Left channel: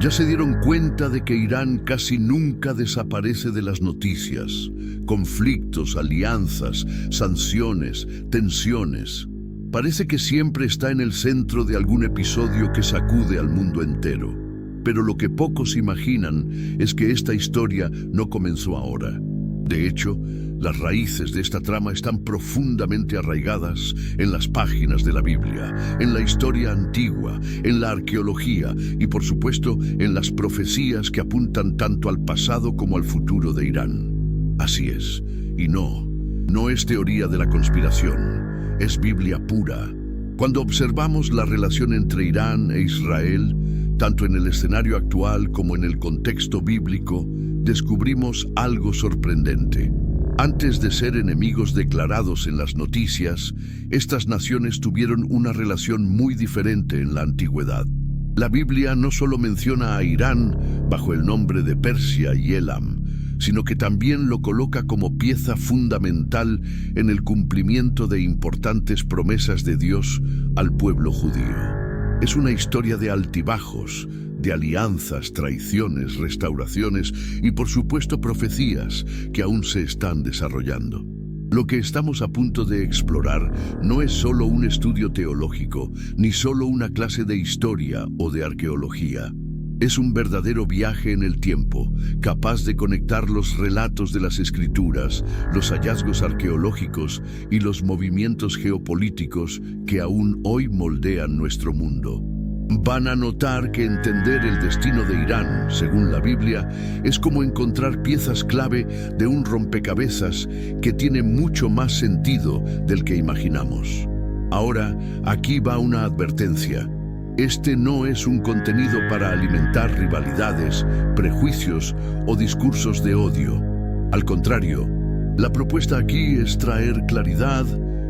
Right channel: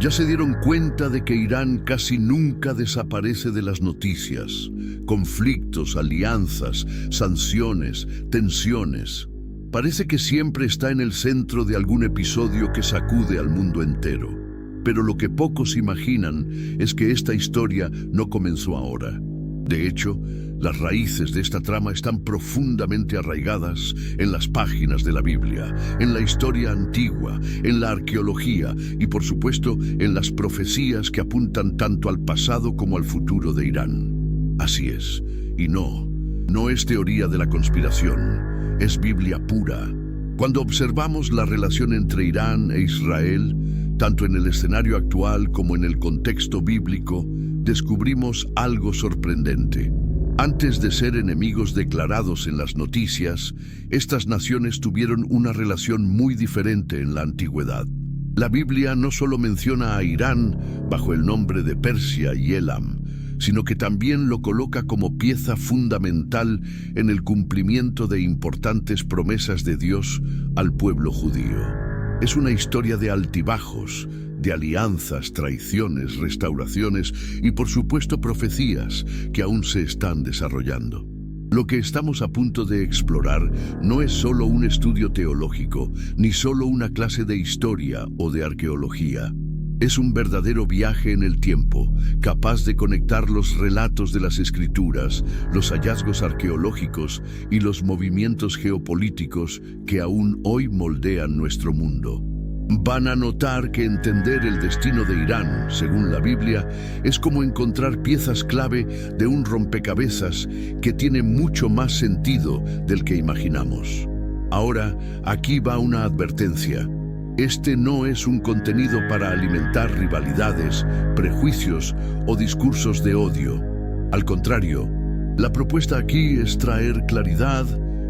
Ya se dieron cuenta de que Irán casi nunca desaparece de las noticias. Conflictos, alianzas, sanciones, tensiones. Parece que siempre está en el centro de algún episodio que sacude al mundo entero. Pero lo que pocos imaginan es que esta historia no comenzó ahora. De hecho, las raíces de esta trama están profundamente arraigadas en las páginas de la Biblia, en la historia antigua, en la arqueología y, por supuesto, en las profecías que apuntan tanto al pasado como al futuro de Irán. Así es. Y no es teoría de la conspiración, es Biblia pura. Cuando observamos la relación entre Irán e Israel, tanto en el escenario actual como en el contexto bíblico, descubrimos algo sorprendente. Antes de ser enemigos declarados en las noticias, estas naciones tuvieron una relación muy diferente en la antigüedad. La Biblia no solo menciona a Irán bajo el nombre de Persia y Elam, sino que también lo coloca como pieza fundamental en el cumplimiento de importantes promesas de Dios al pueblo judío. Es una historia de altibajos, de alianzas, traiciones, restauraciones y, por supuesto, profecías que aún se están desarrollando. Lo que estamos a punto de explorar no es solo un estudio teológico, ni solo una clase de historia o de arqueología. Es un verdadero viaje en el tiempo, capaz de conectar los relatos de las Escrituras, los hallazgos arqueológicos y los movimientos geopolíticos que aún hoy moldean nuestro mundo. Van a notar que entender el destino de Irán, según la Biblia, es como encontrar piezas clave de un rompecabezas que tiene mucho más sentido del que imaginamos. Ahora, aquí va una advertencia. Este no es un contenido para alimentar rivalidades, prejuicios o discursos de odio. Al contrario, la propuesta aquí es traer claridad,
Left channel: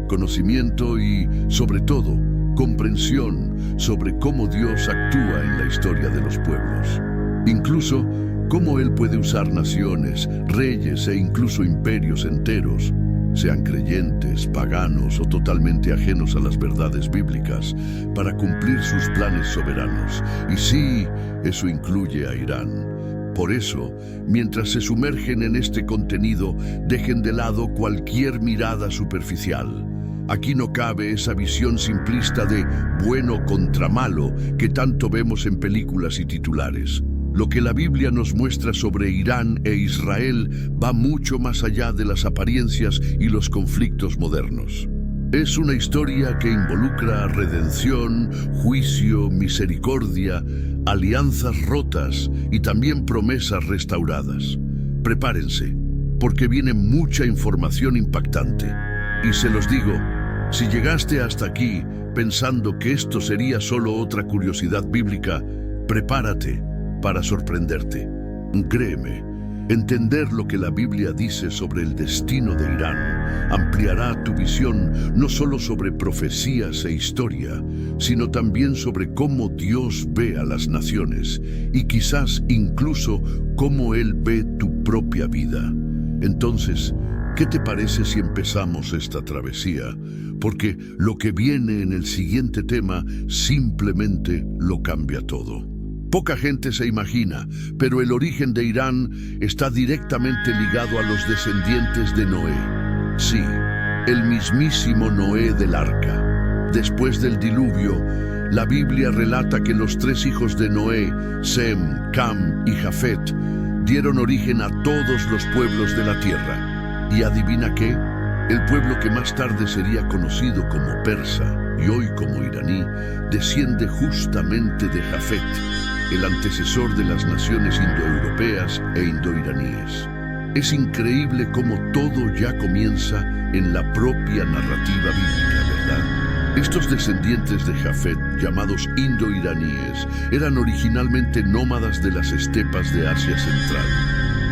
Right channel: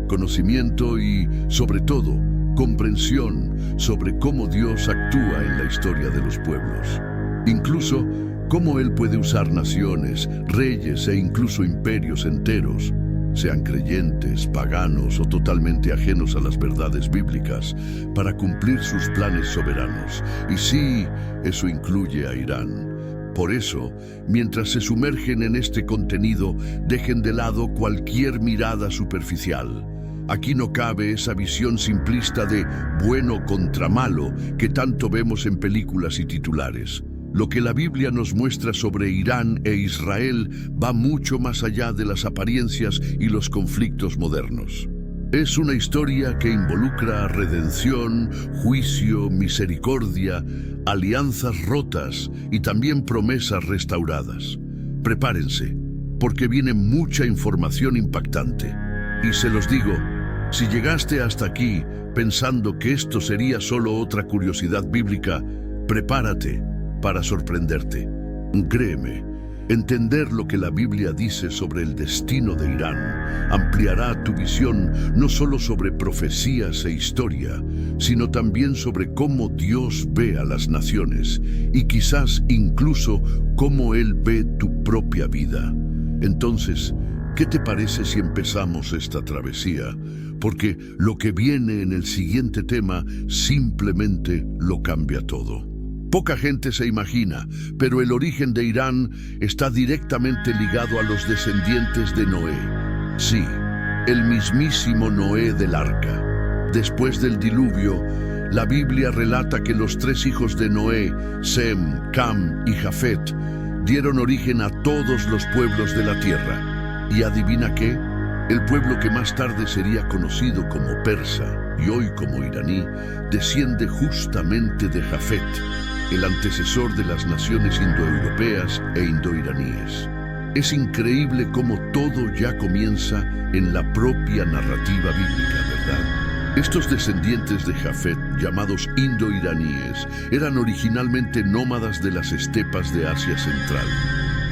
conocimiento y, sobre todo, comprensión sobre cómo Dios actúa en la historia de los pueblos. Incluso, cómo Él puede usar naciones, reyes e incluso imperios enteros, sean creyentes, paganos o totalmente ajenos a las verdades bíblicas, para cumplir sus planes soberanos. Y sí, eso incluye a Irán. Por eso, mientras se sumergen en este contenido, dejen de lado cualquier mirada superficial. Aquí no cabe esa visión simplista de bueno contra malo que tanto vemos en películas y titulares. Lo que la Biblia nos muestra sobre Irán e Israel va mucho más allá de las apariencias y los conflictos modernos. Es una historia que involucra redención, juicio, misericordia, alianzas rotas y también promesas restauradas. Prepárense, porque viene mucha información impactante. Y se los digo, si llegaste hasta aquí pensando que esto sería solo otra curiosidad bíblica, prepárate para sorprenderte. Créeme, entender lo que la Biblia dice sobre el destino de Irán ampliará tu visión no solo sobre profecías e historia, sino también sobre cómo Dios ve a las naciones y quizás incluso cómo Él ve tu propia vida. Entonces, ¿qué te parece si empezamos esta travesía? Porque lo que viene en el siguiente tema simplemente lo cambia todo. Poca gente se imagina, pero el origen de Irán está directamente ligado a los descendientes de Noé. Sí, el mismísimo Noé del Arca. Después del diluvio, la Biblia relata que los tres hijos de Noé, Sem, Cam y Jafet, dieron origen a todos los pueblos de la tierra. ¿Y adivina qué? El pueblo que más tarde sería conocido como persa y hoy como iraní, desciende justamente de Jafet, el antecesor de las naciones indoeuropeas e indoiraníes. Es increíble cómo todo ya comienza en la propia narrativa bíblica, ¿verdad? Estos descendientes de Jafet, llamados indoiraníes, eran originalmente nómadas de las estepas de Asia Central.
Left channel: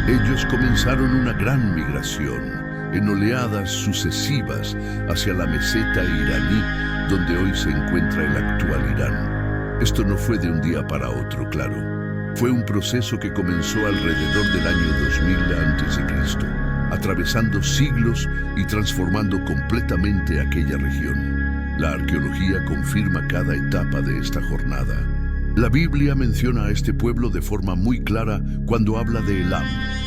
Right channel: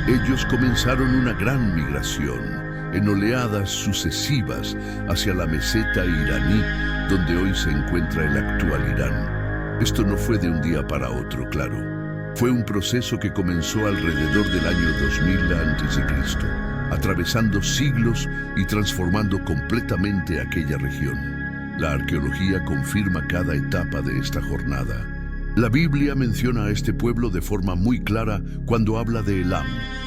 Ellos comenzaron una gran migración, en oleadas sucesivas, hacia la meseta iraní, donde hoy se encuentra el actual Irán. Esto no fue de un día para otro, claro. Fue un proceso que comenzó alrededor del año 2000 a.C., atravesando siglos y transformando completamente aquella región. La arqueología confirma cada etapa de esta jornada. La Biblia menciona a este pueblo de forma muy clara cuando habla de Elam,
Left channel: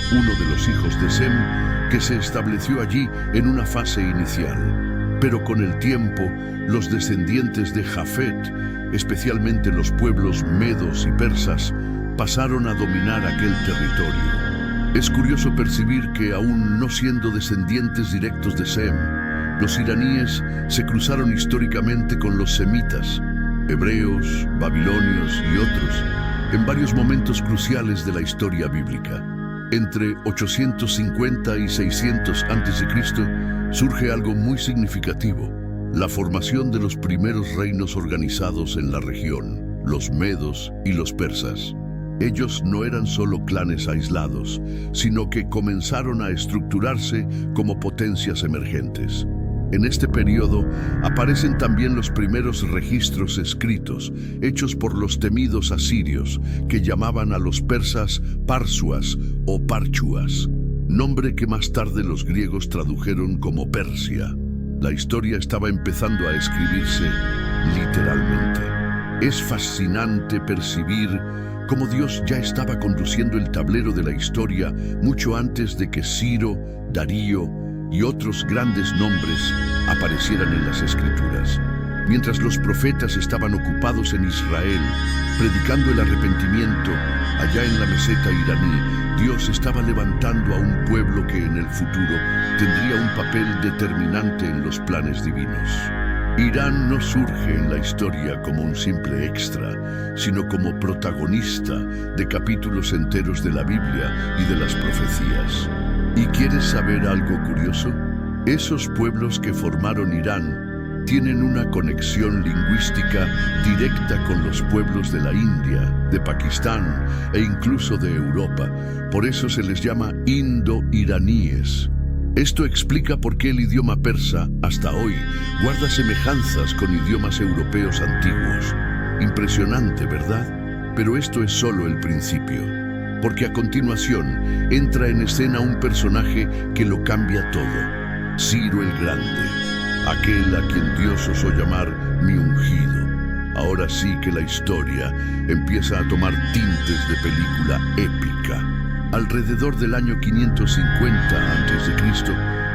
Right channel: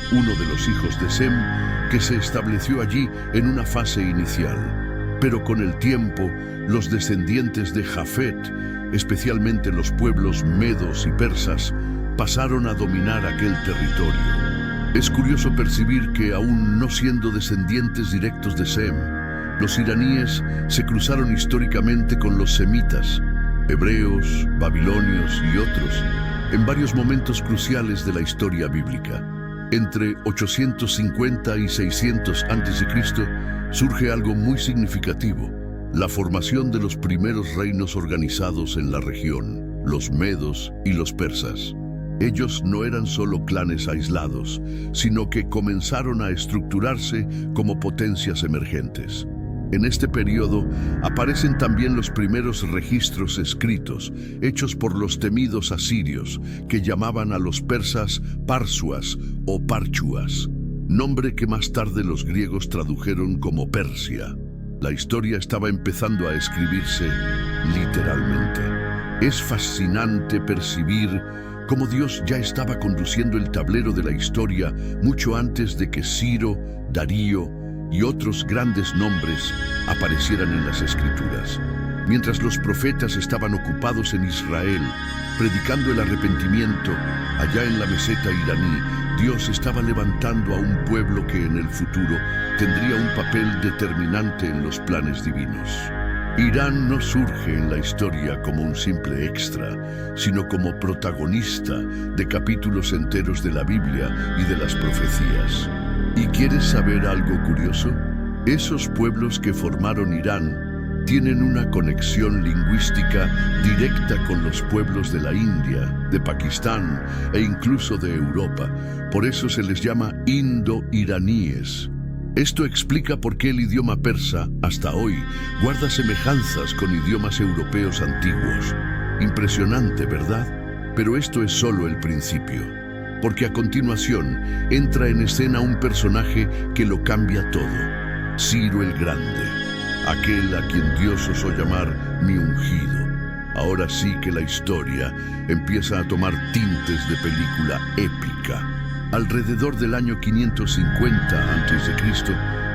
uno de los hijos de Sem, que se estableció allí en una fase inicial. Pero con el tiempo, los descendientes de Jafet, especialmente los pueblos medos y persas, pasaron a dominar aquel territorio. Es curioso percibir que, aún no siendo descendientes directos de Sem, los iraníes se cruzaron históricamente con los semitas, hebreos, babilonios y otros, en varios momentos cruciales de la historia bíblica. Entre 850 y 600 a.C. surge algo muy significativo: la formación de los primeros reinos organizados en la región, los medos y los persas. Ellos no eran solo clanes aislados, sino que comenzaron a estructurarse como potencias emergentes. En este periodo aparecen también los primeros registros escritos, hechos por los temidos asirios, que llamaban a los persas Parsuas o Parchuas, nombre que más tarde los griegos tradujeron como Persia. La historia estaba empezando a escribirse literalmente. Es fascinante percibir cómo Dios ya estaba conduciendo el tablero de la historia mucho antes de que Ciro, Darío y otros grandes nombres aparecieran en las Escrituras. Mientras los profetas estaban ocupados en Israel, predicando el arrepentimiento, allá en la meseta iraní, Dios estaba levantando a un pueblo que en el futuro tendría un papel determinante en los planes divinos. Irán no surge en la historia como un simple extra, sino como protagonista de capítulos enteros de la Biblia y de las profecías. ¿Y quieres saber algo curioso? Esos pueblos que formaron Irán tienen una conexión lingüística directa con los pueblos de la India, de Pakistán e incluso de Europa. Por eso se les llama indo-iraníes. Esto explica por qué el idioma persa, hasta hoy, guarda semejanzas con idiomas europeos antiguos. Impresionante, ¿verdad? Pero esto es solo el principio, porque a continuación entra en escena un personaje que lo cambia todo: Ciro el Grande, aquel a quien Dios osó llamar mi ungido. Ahora sí que la historia empieza a tomar tintes de película épica. Alrededor del año 550 a.C.,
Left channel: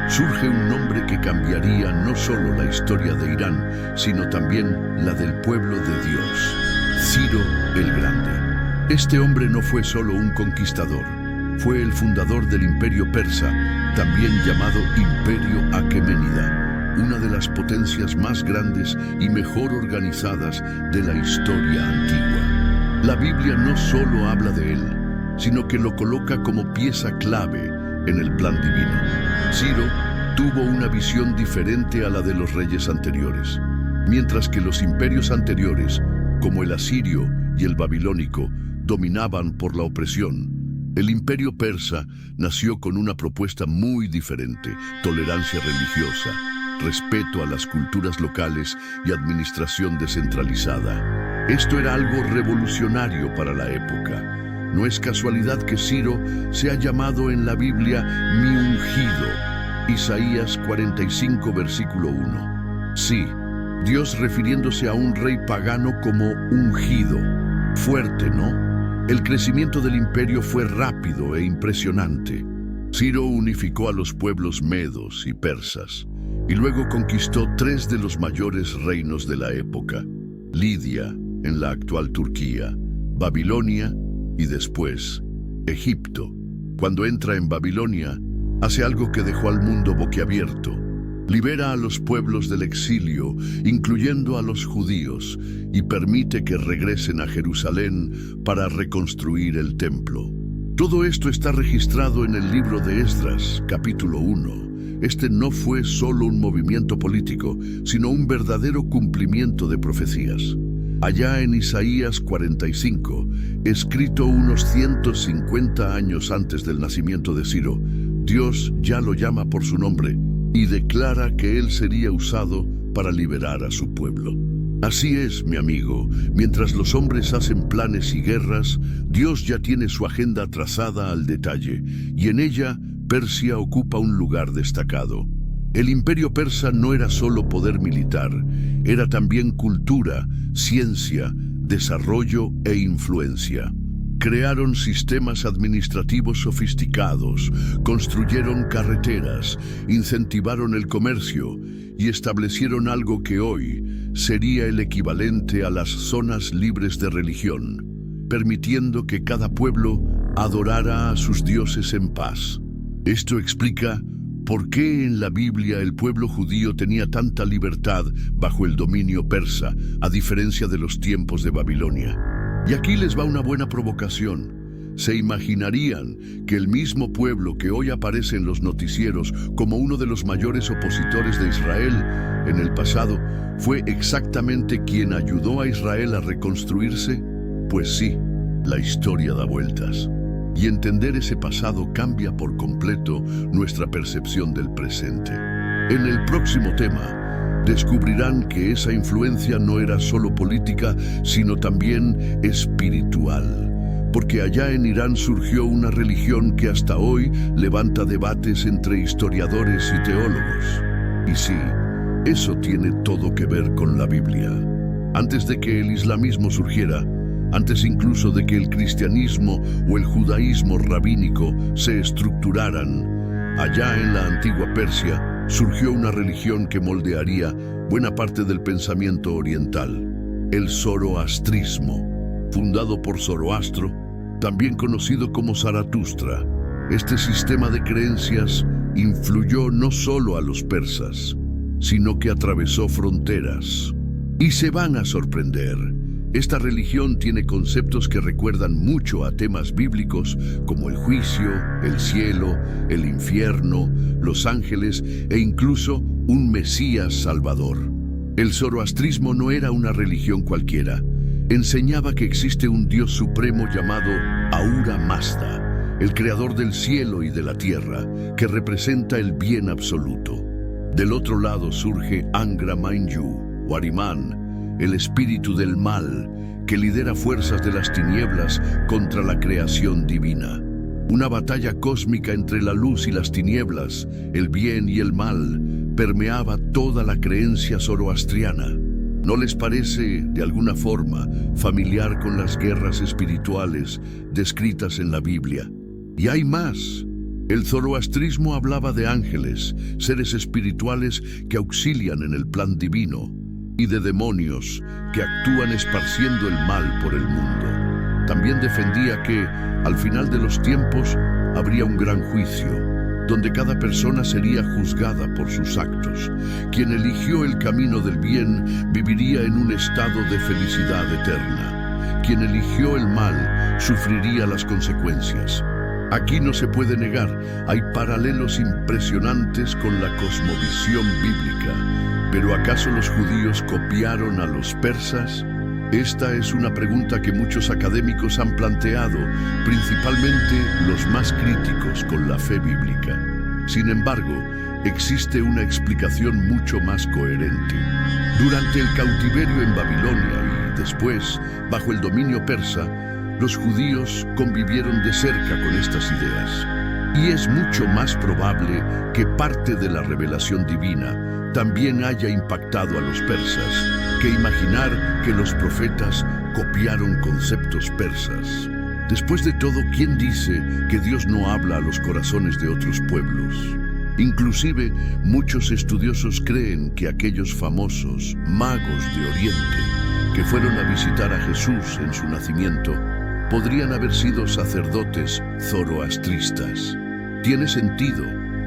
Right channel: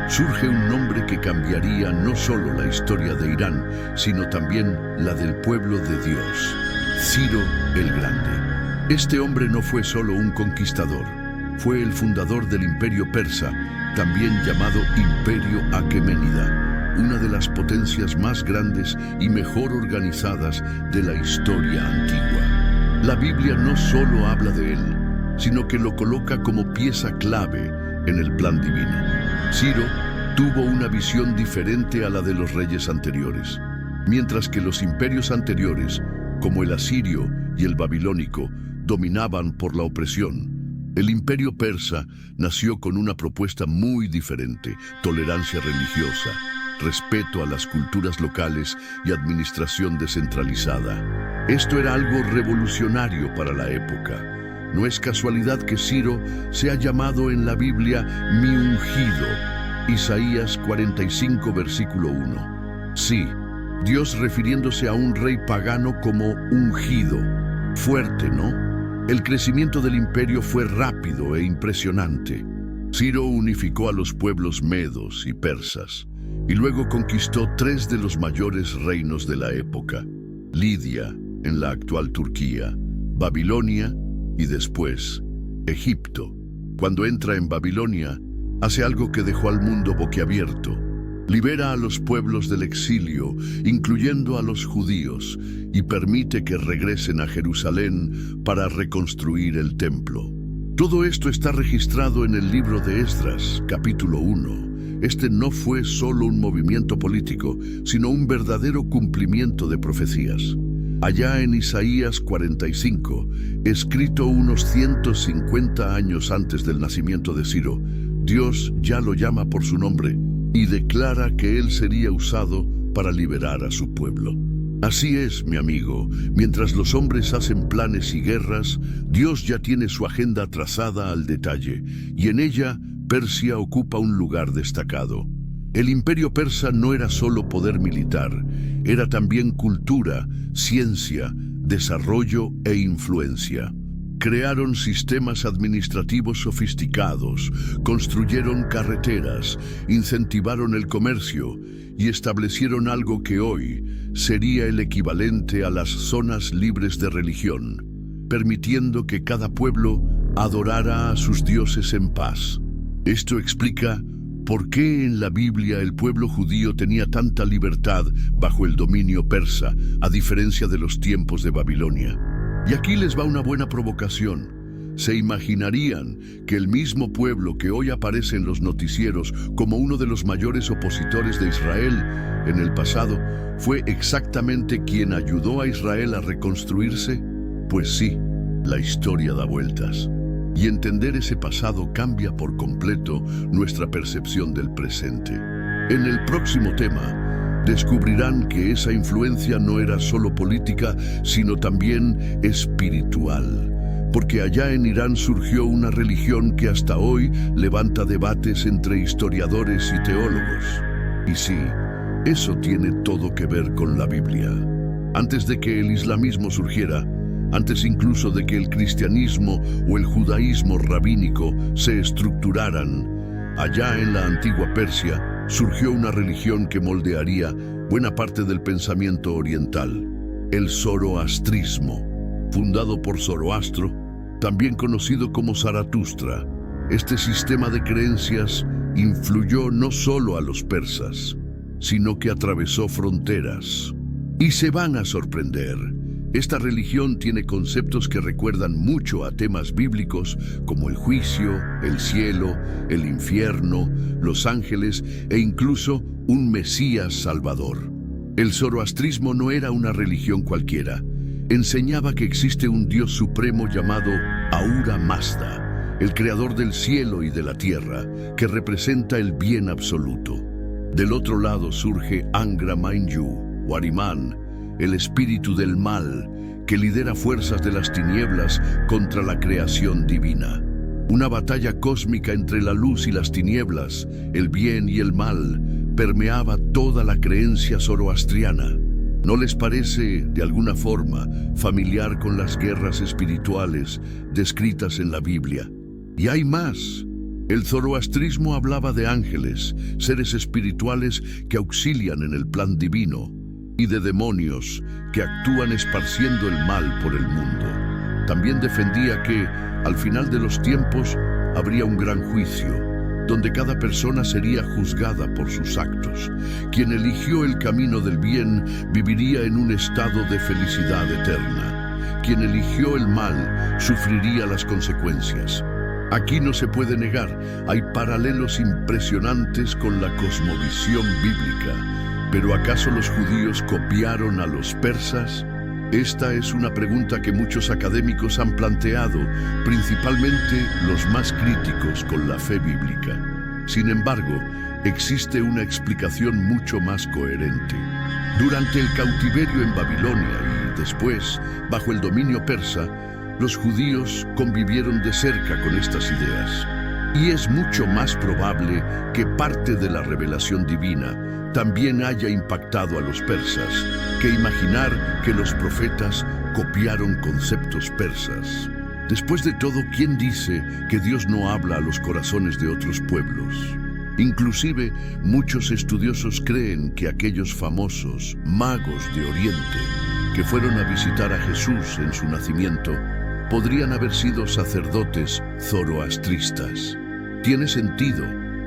surge un nombre que cambiaría no solo la historia de Irán, sino también la del pueblo de Dios: Ciro el Grande. Este hombre no fue solo un conquistador, fue el fundador del Imperio Persa, también llamado Imperio Aqueménida, una de las potencias más grandes y mejor organizadas de la historia antigua. La Biblia no solo habla de él, sino que lo coloca como pieza clave en el plan divino. Ciro tuvo una visión diferente a la de los reyes anteriores. Mientras que los imperios anteriores, como el asirio y el babilónico, dominaban por la opresión, el imperio persa nació con una propuesta muy diferente: tolerancia religiosa, respeto a las culturas locales y administración descentralizada. Esto era algo revolucionario para la época. No es casualidad que Ciro sea llamado en la Biblia mi ungido. Isaías 45, versículo 1. Sí, Dios refiriéndose a un rey pagano como ungido. Fuerte, ¿no? El crecimiento del imperio fue rápido e impresionante. Ciro unificó a los pueblos medos y persas, y luego conquistó 3 de los mayores reinos de la época: Lidia, en la actual Turquía, Babilonia y después Egipto. Cuando entra en Babilonia, hace algo que dejó al mundo boquiabierto. Libera a los pueblos del exilio, incluyendo a los judíos, y permite que regresen a Jerusalén para reconstruir el templo. Todo esto está registrado en el libro de Esdras, capítulo 1. Este no fue solo un movimiento político, sino un verdadero cumplimiento de profecías. Allá en Isaías 45, escrito unos 150 años antes del nacimiento de Ciro, Dios ya lo llama por su nombre y declara que él sería usado para liberar a su pueblo. Así es, mi amigo, mientras los hombres hacen planes y guerras, Dios ya tiene su agenda trazada al detalle, y en ella Persia ocupa un lugar destacado. El imperio persa no era solo poder militar, era también cultura, ciencia, desarrollo e influencia. Crearon sistemas administrativos sofisticados, construyeron carreteras, incentivaron el comercio y establecieron algo que hoy sería el equivalente a las zonas libres de religión, permitiendo que cada pueblo adorara a sus dioses en paz. Esto explica por qué en la Biblia el pueblo judío tenía tanta libertad bajo el dominio persa, a diferencia de los tiempos de Babilonia. Y aquí les va una buena provocación. ¿Se imaginarían que el mismo pueblo que hoy aparece en los noticieros como uno de los mayores opositores de Israel en el pasado fue exactamente quien ayudó a Israel a reconstruirse? Pues sí, la historia da vueltas. Y entender ese pasado cambia por completo nuestra percepción del presente. En el próximo tema, descubrirán que esa influencia no era solo política, sino también espiritual. Porque allá en Irán surgió una religión que hasta hoy levanta debates entre historiadores y teólogos. Y sí, eso tiene todo que ver con la Biblia. Antes de que el islamismo surgiera, antes incluso de que el cristianismo o el judaísmo rabínico se estructuraran, allá en la antigua Persia, surgió una religión que moldearía buena parte del pensamiento oriental, el zoroastrismo, fundado por Zoroastro, también conocido como Zaratustra. Este sistema de creencias influyó no solo a los persas, sino que atravesó fronteras. Y se van a sorprender. Esta religión tiene conceptos que recuerdan mucho a temas bíblicos como el juicio, el cielo, el infierno, los ángeles e incluso un Mesías Salvador. El zoroastrismo no era una religión cualquiera. Enseñaba que existe un Dios supremo llamado Ahura Mazda, el creador del cielo y de la tierra, que representa el bien absoluto. Del otro lado surge Angra Mainyu, o Ahriman, el espíritu del mal, que lidera fuerzas de las tinieblas contra la creación divina. Una batalla cósmica entre la luz y las tinieblas, el bien y el mal, permeaba toda la creencia zoroastriana. ¿No les parece, de alguna forma, familiar con las guerras espirituales descritas en la Biblia? Y hay más. El zoroastrismo hablaba de ángeles, seres espirituales que auxilian en el plan divino, y de demonios que actúan esparciendo el mal por el mundo. También defendía que, al final de los tiempos, habría un gran juicio, donde cada persona sería juzgada por sus actos. Quien eligió el camino del bien viviría en un estado de felicidad eterna. Quien eligió el mal sufriría las consecuencias. Aquí no se puede negar, hay paralelos impresionantes con la cosmovisión bíblica. ¿Pero acaso los judíos copiaron a los persas? Esta es una pregunta que muchos académicos han planteado, principalmente los más críticos con la fe bíblica. Sin embargo, existe una explicación mucho más coherente. Durante el cautiverio en Babilonia y después, bajo el dominio persa, los judíos convivieron de cerca con estas ideas. Y es mucho más probable que parte de la revelación divina también haya impactado a los persas, que imaginar que los profetas copiaron conceptos persas. Después de todo, ¿quién dice que Dios no habla a los corazones de otros pueblos? Inclusive, muchos estudiosos creen que aquellos famosos magos de Oriente que fueron a visitar a Jesús en su nacimiento podrían haber sido sacerdotes zoroastristas. Tiene sentido,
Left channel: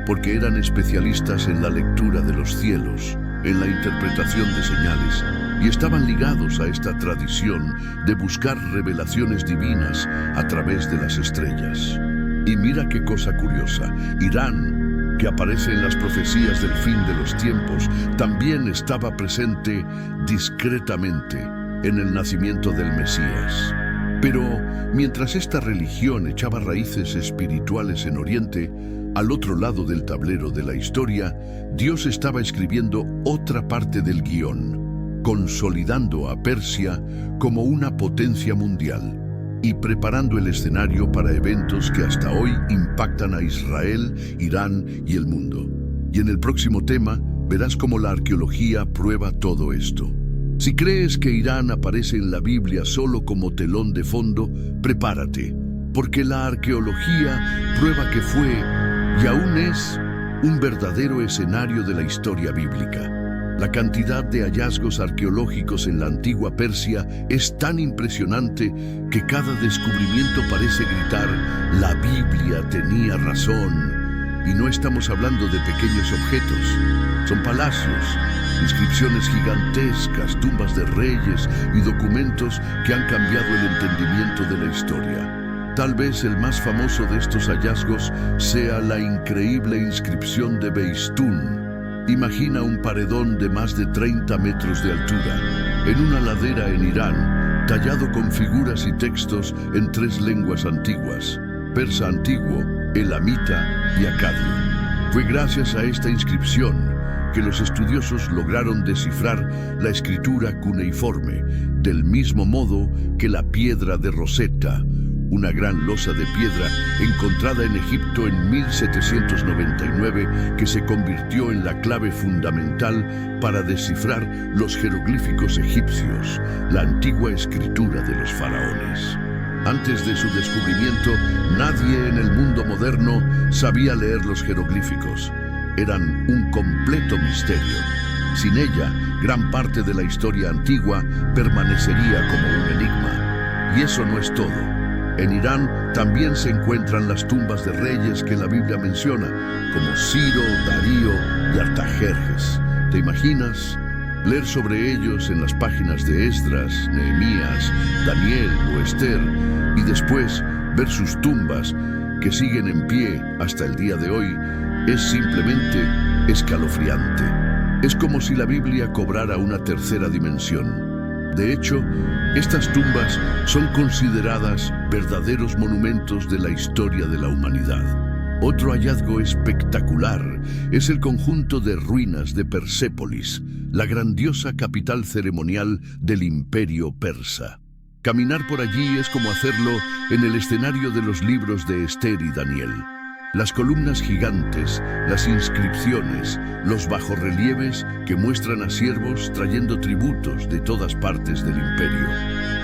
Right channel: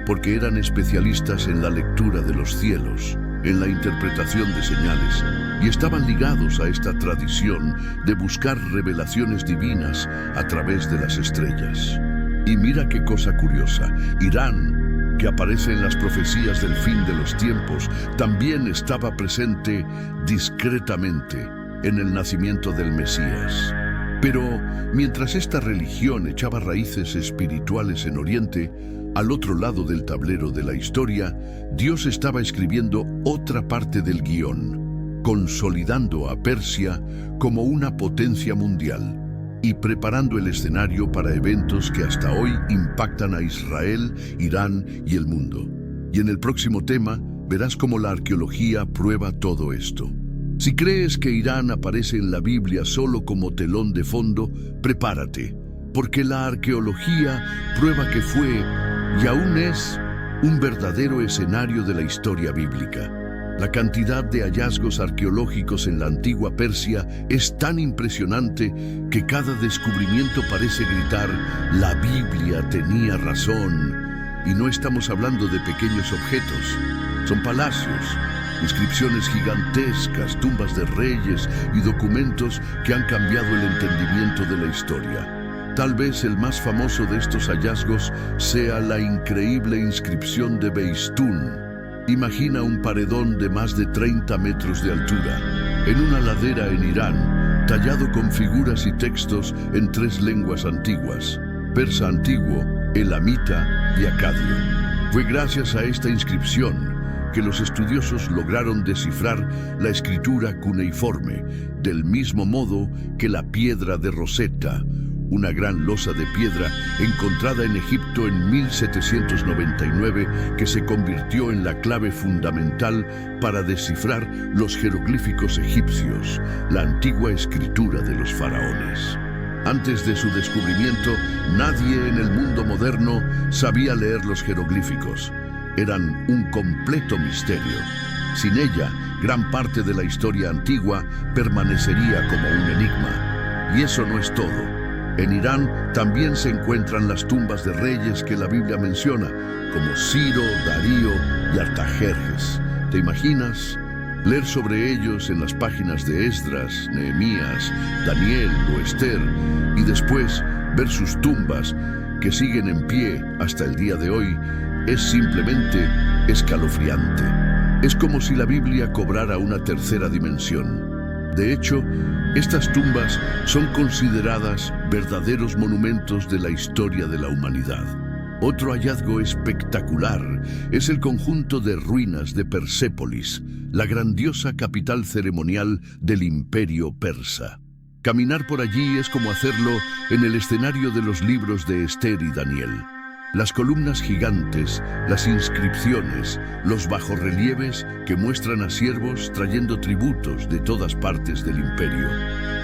porque eran especialistas en la lectura de los cielos, en la interpretación de señales, y estaban ligados a esta tradición de buscar revelaciones divinas a través de las estrellas. Y mira qué cosa curiosa, Irán, que aparece en las profecías del fin de los tiempos, también estaba presente discretamente en el nacimiento del Mesías. Pero mientras esta religión echaba raíces espirituales en Oriente, al otro lado del tablero de la historia, Dios estaba escribiendo otra parte del guión, consolidando a Persia como una potencia mundial y preparando el escenario para eventos que hasta hoy impactan a Israel, Irán y el mundo. Y en el próximo tema verás cómo la arqueología prueba todo esto. Si crees que Irán aparece en la Biblia solo como telón de fondo, prepárate, porque la arqueología prueba que fue, y aún es, un verdadero escenario de la historia bíblica. La cantidad de hallazgos arqueológicos en la antigua Persia es tan impresionante que cada descubrimiento parece gritar: la Biblia tenía razón. Y no estamos hablando de pequeños objetos, son palacios, inscripciones gigantescas, tumbas de reyes y documentos que han cambiado el entendimiento de la historia. Tal vez el más famoso de estos hallazgos sea la increíble inscripción de Beistún. Imagina un paredón de más de 30 metros de altura, en una ladera en Irán, tallado con figuras y textos en 3 lenguas antiguas: persa antiguo, elamita y acadio. Fue gracias a esta inscripción que los estudiosos lograron descifrar la escritura cuneiforme, del mismo modo que la piedra de Rosetta, una gran losa de piedra encontrada en Egipto en 1799 que se convirtió en la clave fundamental para descifrar los jeroglíficos egipcios, la antigua escritura de los faraones. Antes de su descubrimiento, nadie en el mundo moderno sabía leer los jeroglíficos. Eran un completo misterio. Sin ella, gran parte de la historia antigua permanecería como un enigma. Y eso no es todo. En Irán también se encuentran las tumbas de reyes que la Biblia menciona, como Ciro, Darío y Artajerjes. ¿Te imaginas? Leer sobre ellos en las páginas de Esdras, Nehemías, Daniel o Esther, y después ver sus tumbas que siguen en pie hasta el día de hoy, es simplemente escalofriante. Es como si la Biblia cobrara una tercera dimensión. De hecho, estas tumbas son consideradas verdaderos monumentos de la historia de la humanidad. Otro hallazgo espectacular es el conjunto de ruinas de Persépolis, la grandiosa capital ceremonial del Imperio Persa. Caminar por allí es como hacerlo en el escenario de los libros de Esther y Daniel. Las columnas gigantes, las inscripciones, los bajorrelieves que muestran a siervos trayendo tributos de todas partes del imperio.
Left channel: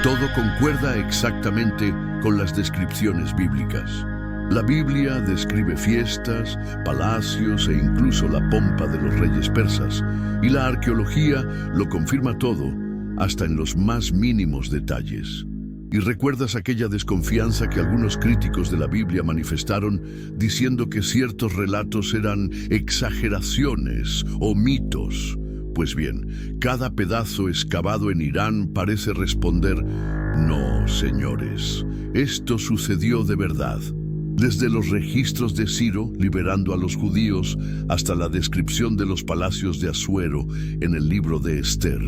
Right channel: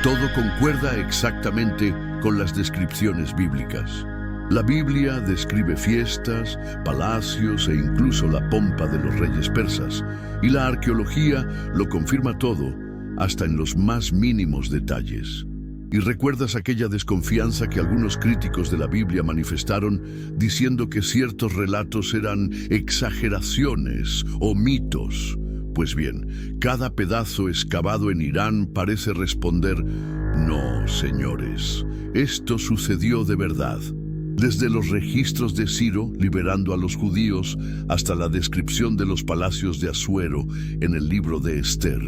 Todo concuerda exactamente con las descripciones bíblicas. La Biblia describe fiestas, palacios e incluso la pompa de los reyes persas, y la arqueología lo confirma todo, hasta en los más mínimos detalles. ¿Y recuerdas aquella desconfianza que algunos críticos de la Biblia manifestaron diciendo que ciertos relatos eran exageraciones o mitos? Pues bien, cada pedazo excavado en Irán parece responder: no, señores, esto sucedió de verdad. Desde los registros de Ciro liberando a los judíos hasta la descripción de los palacios de Asuero en el libro de Esther,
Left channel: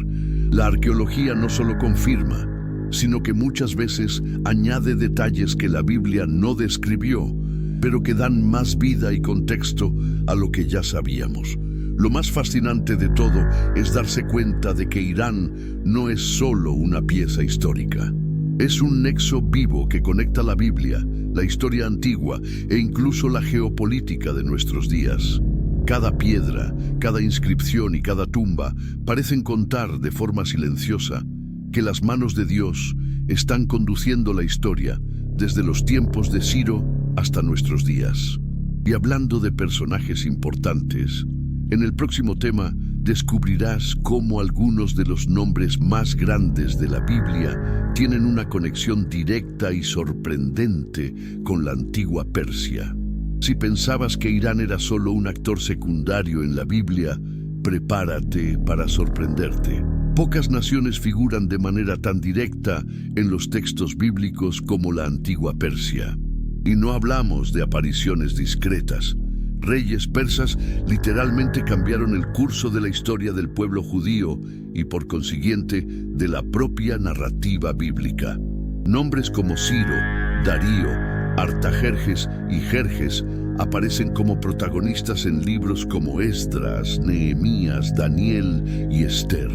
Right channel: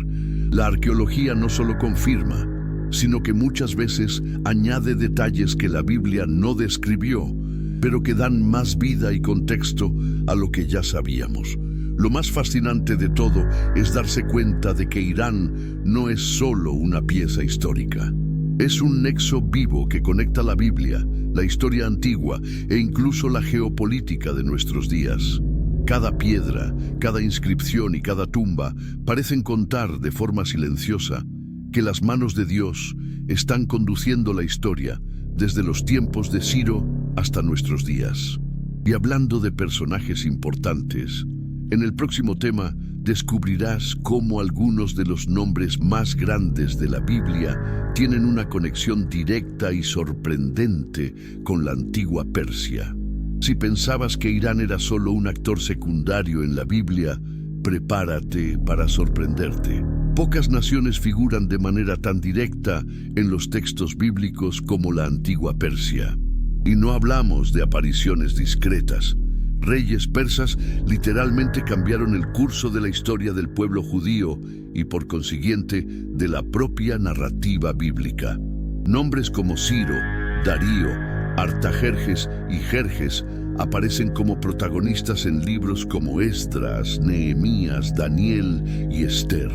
la arqueología no solo confirma, sino que muchas veces añade detalles que la Biblia no describió, pero que dan más vida y contexto a lo que ya sabíamos. Lo más fascinante de todo es darse cuenta de que Irán no es solo una pieza histórica. Es un nexo vivo que conecta la Biblia, la historia antigua e incluso la geopolítica de nuestros días. Cada piedra, cada inscripción y cada tumba parecen contar de forma silenciosa que las manos de Dios están conduciendo la historia desde los tiempos de Ciro hasta nuestros días. Y hablando de personajes importantes, en el próximo tema descubrirás cómo algunos de los nombres más grandes de la Biblia tienen una conexión directa y sorprendente con la antigua Persia. Si pensabas que Irán era solo un actor secundario en la Biblia, prepárate para sorprenderte. Pocas naciones figuran de manera tan directa en los textos bíblicos como la antigua Persia. Y no hablamos de apariciones discretas. Reyes persas literalmente cambiaron el curso de la historia del pueblo judío y por consiguiente de la propia narrativa bíblica. Nombres como Ciro, Darío, Artajerjes y Jerjes aparecen como protagonistas en libros como Esdras, Nehemías, Daniel y Esther.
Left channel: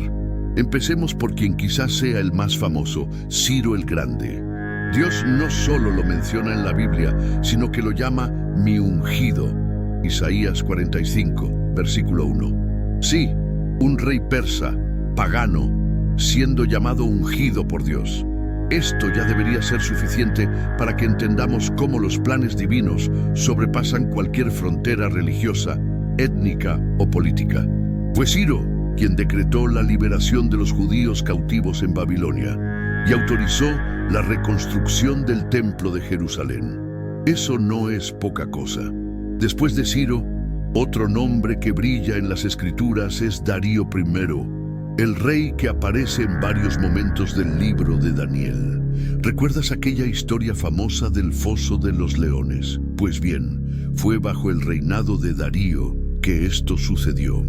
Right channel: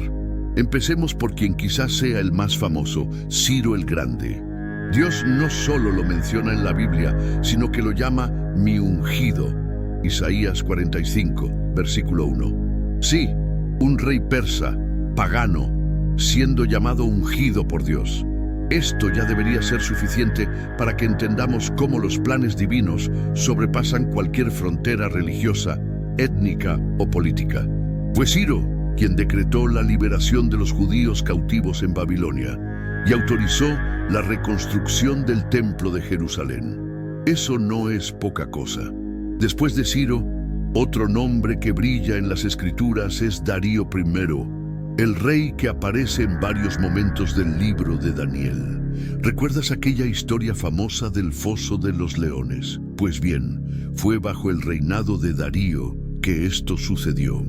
Empecemos por quien quizás sea el más famoso, Ciro el Grande. Dios no solo lo menciona en la Biblia, sino que lo llama mi ungido. Isaías 45, versículo 1. Sí, un rey persa, pagano, siendo llamado ungido por Dios. Esto ya debería ser suficiente para que entendamos cómo los planes divinos sobrepasan cualquier frontera religiosa, étnica o política. Fue Ciro quien decretó la liberación de los judíos cautivos en Babilonia y autorizó la reconstrucción del Templo de Jerusalén. Eso no es poca cosa. Después de Ciro, otro nombre que brilla en las Escrituras es Darío I, el rey que aparece en varios momentos del libro de Daniel. ¿Recuerdas aquella historia famosa del foso de los leones? Pues bien, fue bajo el reinado de Darío que esto sucedió.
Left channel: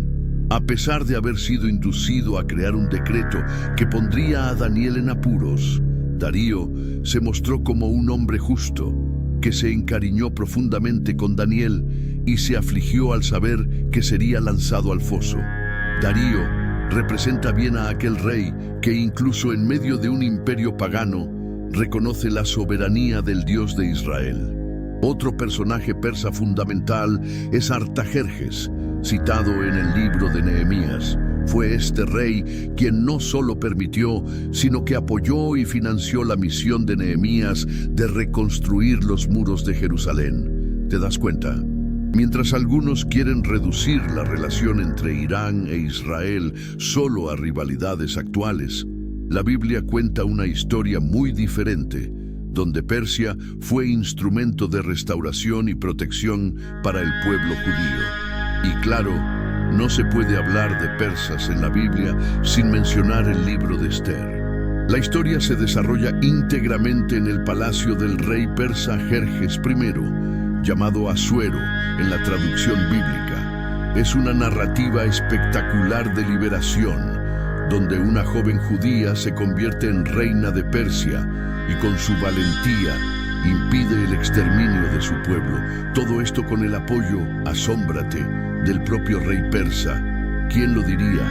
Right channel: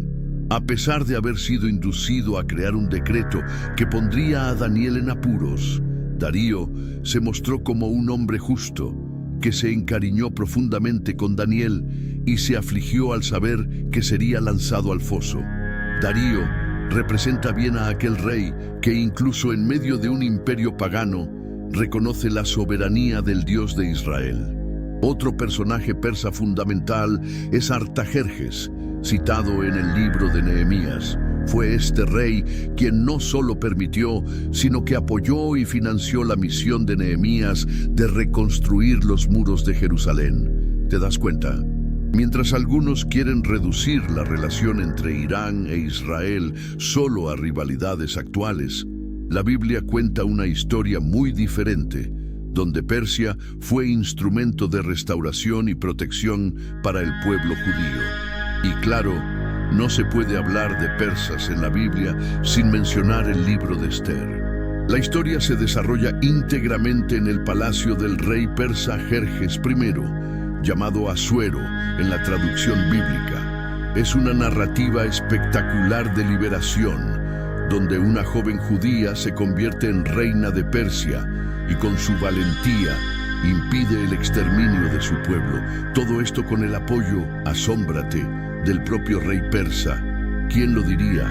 A pesar de haber sido inducido a crear un decreto que pondría a Daniel en apuros, Darío se mostró como un hombre justo, que se encariñó profundamente con Daniel y se afligió al saber que sería lanzado al foso. Darío representa bien a aquel rey que incluso en medio de un imperio pagano reconoce la soberanía del Dios de Israel. Otro personaje persa fundamental es Artajerjes, citado en el libro de Nehemías. Fue este rey quien no solo permitió, sino que apoyó y financió la misión de Nehemías de reconstruir los muros de Jerusalén. ¿Te das cuenta? Mientras algunos quieren reducir la relación entre Irán e Israel solo a rivalidades actuales, la Biblia cuenta una historia muy diferente, donde Persia fue instrumento de restauración y protección para el pueblo judío. Y claro, no se puede hablar de persas en la Biblia sin mencionar el libro de Esther. La historia se desarrolla íntegramente en el palacio del rey persa Jerjes I, llamado Asuero en la traducción bíblica. Es una narrativa espectacular de liberación, donde una joven judía se convierte en reina de Persia y con su valentía impide el exterminio de su pueblo. Todo esto con el apoyo, asómbrate, del propio rey persa. ¿Quién lo diría,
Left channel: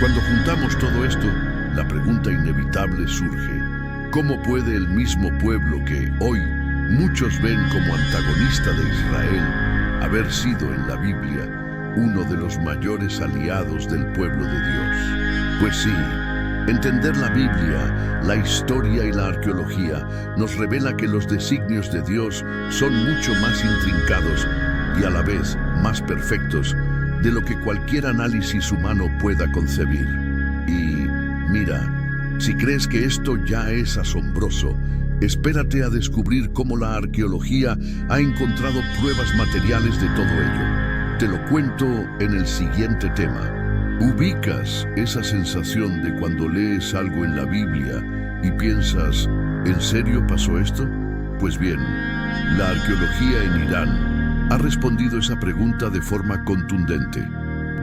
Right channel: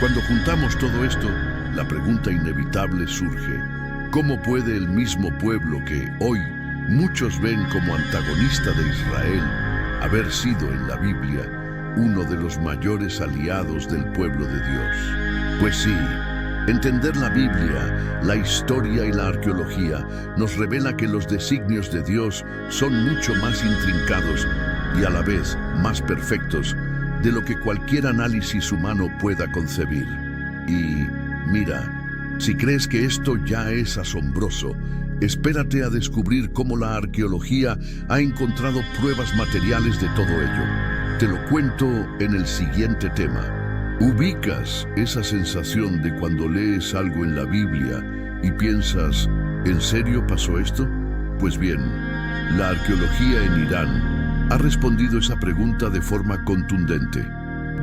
Cuando juntamos todo esto, la pregunta inevitable surge: ¿cómo puede el mismo pueblo que hoy muchos ven como antagonista de Israel haber sido en la Biblia uno de los mayores aliados del pueblo de Dios? Pues sí, entender la Biblia, la historia y la arqueología nos revela que los designios de Dios son mucho más intrincados y a la vez más perfectos de lo que cualquier análisis humano pueda concebir. Y mira, si crees que esto ya es asombroso, espérate a descubrir cómo la arqueología ha encontrado pruebas materiales de todo ello. Te lo cuento en el siguiente tema. ¿Ubicas esa sensación de cuando lees algo en la Biblia y piensas, ¿en serio pasó esto? Pues bien, la arqueología en Irán ha respondido esa pregunta de forma contundente.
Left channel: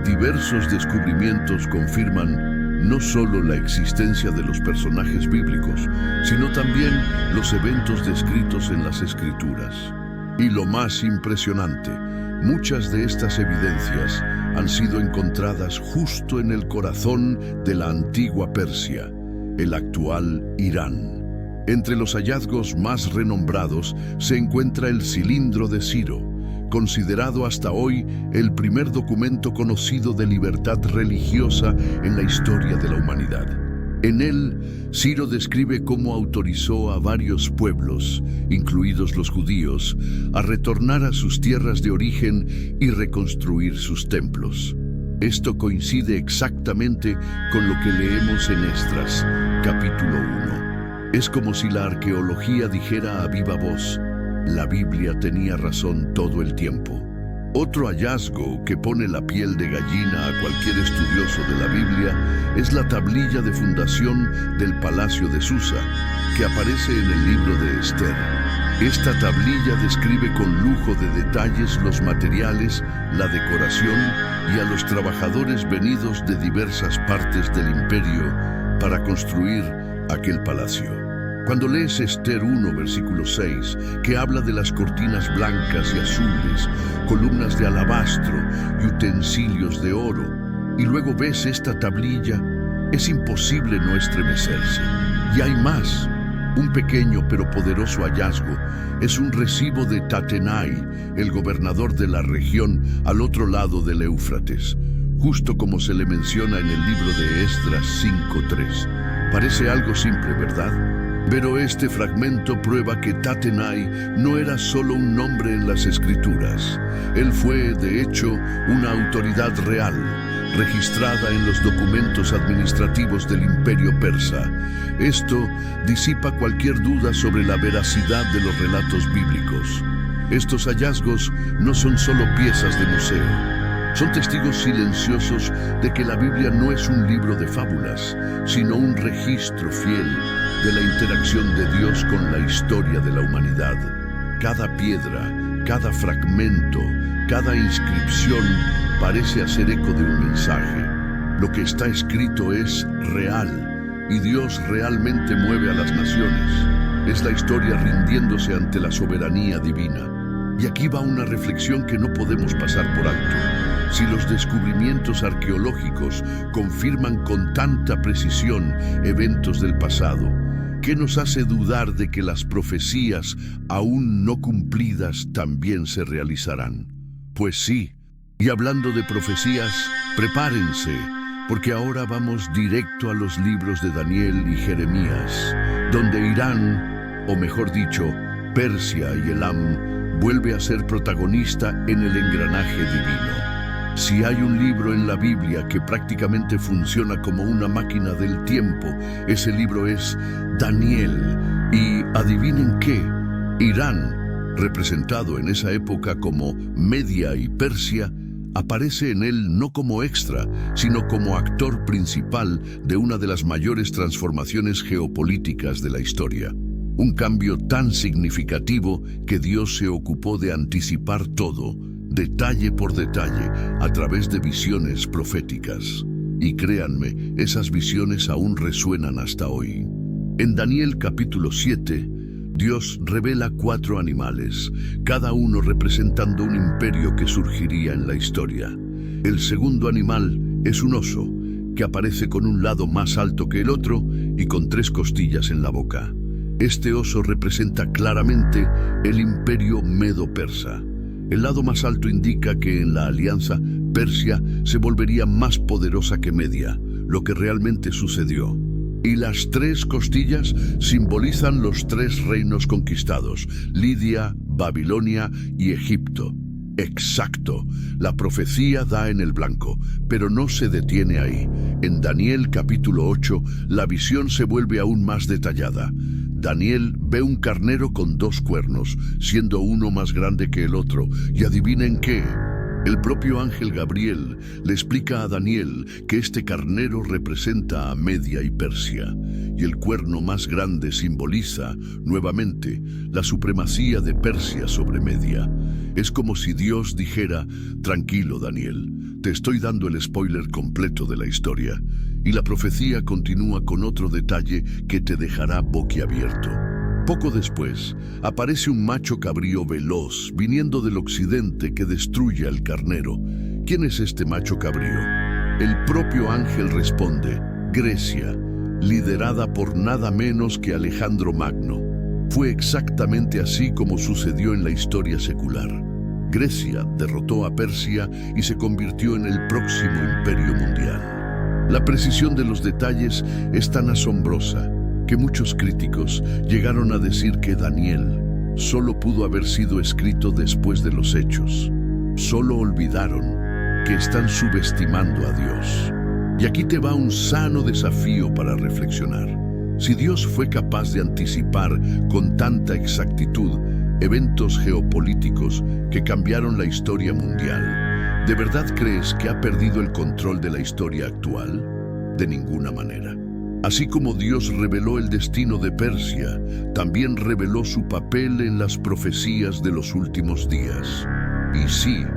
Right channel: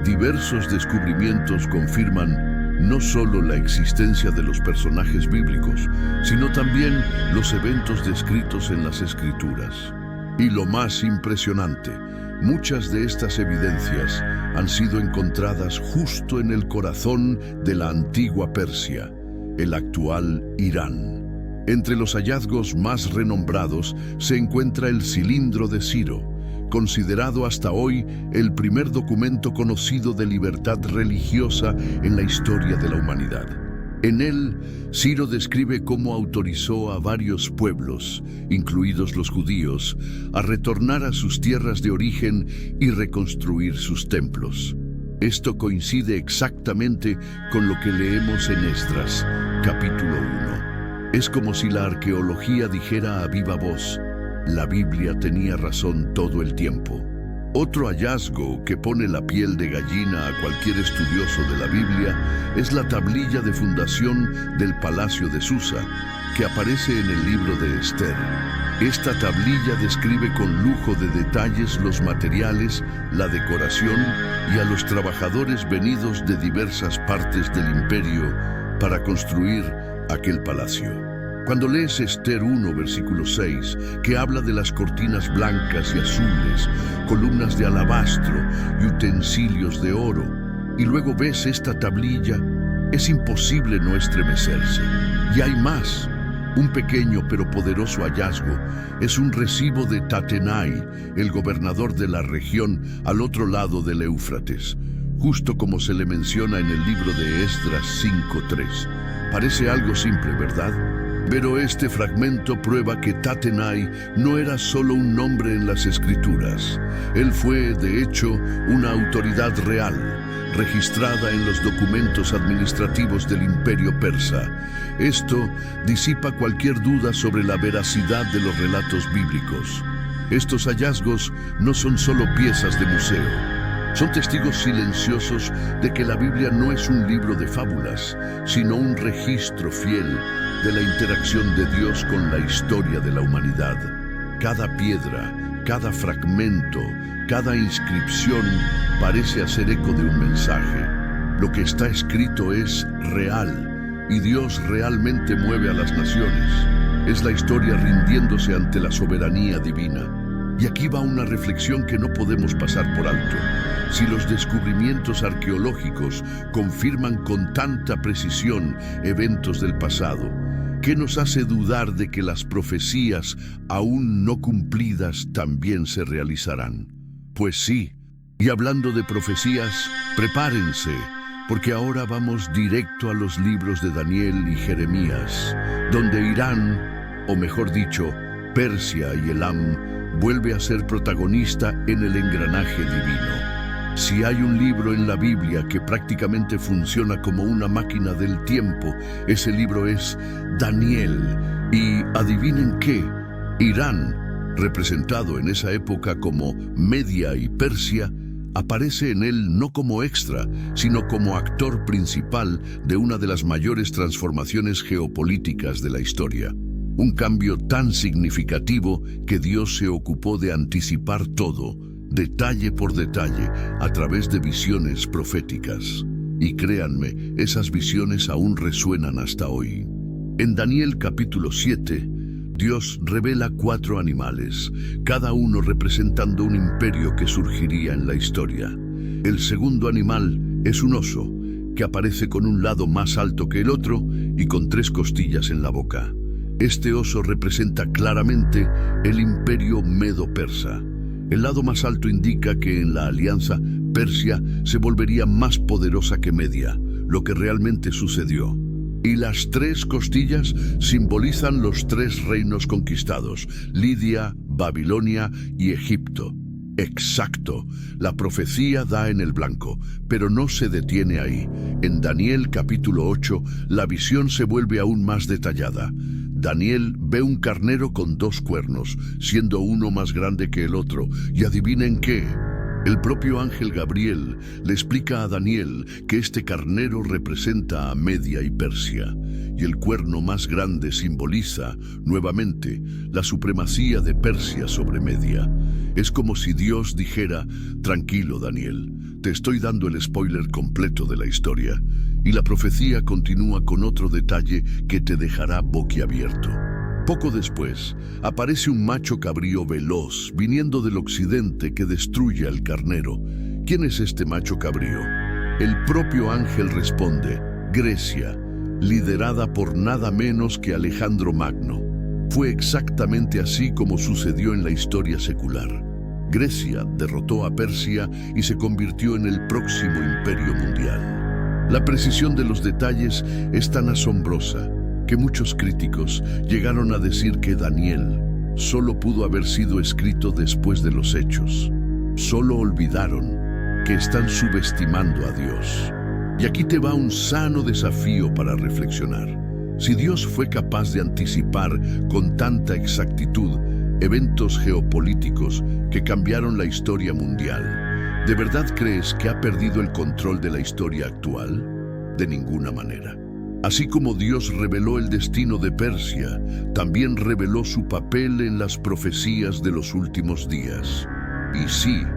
Diversos descubrimientos confirman no solo la existencia de los personajes bíblicos, sino también los eventos descritos en las Escrituras. Y lo más impresionante, muchas de estas evidencias han sido encontradas justo en el corazón de la antigua Persia, el actual Irán. Entre los hallazgos más renombrados se encuentra el cilindro de Ciro, considerado hasta hoy el primer documento conocido de libertad religiosa en la historia de la humanidad. En él, Ciro describe cómo autorizó a varios pueblos, incluidos los judíos, a retornar a sus tierras de origen y reconstruir sus templos. Esto coincide exactamente con lo que leemos en Esdras, capítulo 1. Es como si la arqueología dijera a viva voz: la Biblia tenía razón todo el tiempo. Otro hallazgo que pone la piel de gallina a cualquier estudioso de la Biblia es la tablilla de fundación del Palacio de Susa, que aparece en el libro de Esther. Esta tablilla describe con lujo de detalles los materiales, la decoración y a los trabajadores venidos de diversas partes del imperio para construir aquel palacio. Cuando lees Esther 1, versículo 6, que habla de las cortinas blancas y azules, columnas de alabastro y utensilios de oro, y luego ves esta tablilla, es imposible no estremecerse. Y hay más. Un pequeño pero poderoso hallazgo es un recibo de Tatenai, el gobernador de la región al otro lado del Éufrates. justo como se le menciona en el libro de Esdras 5:3. Parece algo simple, ¿verdad? Pero este fragmento prueba que Tatenai no era solo un nombre en las escrituras. Él fue, de hecho, una autoridad real, registrada en los documentos administrativos del Imperio Persa. Esto disipa cualquier duda sobre la veracidad de los relatos bíblicos. Estos hallazgos no son solo piezas de museo. Son testigos silenciosos de que la Biblia no es un libro de fábulas, sino un registro fiel de la interacción de Dios con la historia de la humanidad. Cada piedra, cada fragmento, cada inscripción parece hacer eco de un mensaje. Lo que está escrito es real, y Dios realmente mueve a las naciones. Es la historia rindiéndose ante la soberanía divina. Y aquí va una reflexión que no podemos pasar por alto. Si los descubrimientos arqueológicos confirman con tanta precisión eventos del pasado, ¿qué nos hace dudar de que las profecías aún no cumplidas también se realizarán? Pues sí, y hablando de profecías, prepárense, porque ahora vamos directo a los libros de Daniel y Jeremías, donde Irán, o mejor dicho, Persia y Elam, vuelve a ser protagonista en el engranaje divino. Si hay un libro en la Biblia que prácticamente funciona como una máquina del tiempo, ese libro es Daniel. Y adivinen qué, Irán, representado en esa época como Media y Persia, aparece en él no como extra, sino como actor principal de una de las mayores transformaciones geopolíticas de la historia. Un cambio tan significativo que Dios se ocupó de anticipar todo, detalle por detalle, a través de visiones proféticas. Y créanme, esas visiones aún resuenan hasta hoy. En Daniel capítulo 7, Dios revela 4 animales, cada uno representando un imperio que surgiría en la historia. El segundo animal es un oso, que aparece con un lado más alto que el otro y con 3 costillas en la boca. Este oso representa claramente el imperio medo-persa. El lado más alto indica que en la alianza Persia se volvería más poderosa que Media, lo que realmente sucedió. Y las 3 costillas simbolizan los 3 reinos conquistados, Lidia, Babilonia y Egipto. Exacto, la profecía da en el blanco, pero no se detiene ahí. En Daniel capítulo 8, la visión se vuelve aún más detallada. Daniel ve un carnero con 2 cuernos, siendo uno más grande que el otro, y adivinen qué. El propio ángel Gabriel le explica a Daniel que este carnero representa a Media y Persia, y el cuerno más grande simboliza, nuevamente, la supremacía de Persia sobre Media. Es como si Dios dijera: tranquilo, Daniel, te estoy dando el spoiler completo de la historia. Y la profecía continúa con otro detalle que te dejará boquiabierto. Poco después, aparece un macho cabrío veloz viniendo del occidente que destruye al carnero. ¿Quién es este macho cabrío? El propio ángel responde: Grecia, liderada por nada menos que Alejandro Magno. Fue exactamente así como sucedió en la historia secular. Grecia derrotó a Persia y se convirtió en el próximo imperio mundial. La precisión de los detalles es tan asombrosa que muchos críticos llegaron a decir que Daniel solo pudo haber sido escrito después de los hechos. Solo olvidaron que están subestimando a Dios. Y aquí te va un sano desafío para reflexionar. Si Dios fue capaz de anticipar con tanta exactitud eventos geopolíticos que cambiaron la historia mundial, ¿de verdad crees que ha perdido el control de la historia actual? De ninguna manera. Así como Dios reveló el destino de Persia, también reveló su papel en las profecías de los últimos días. Y sí,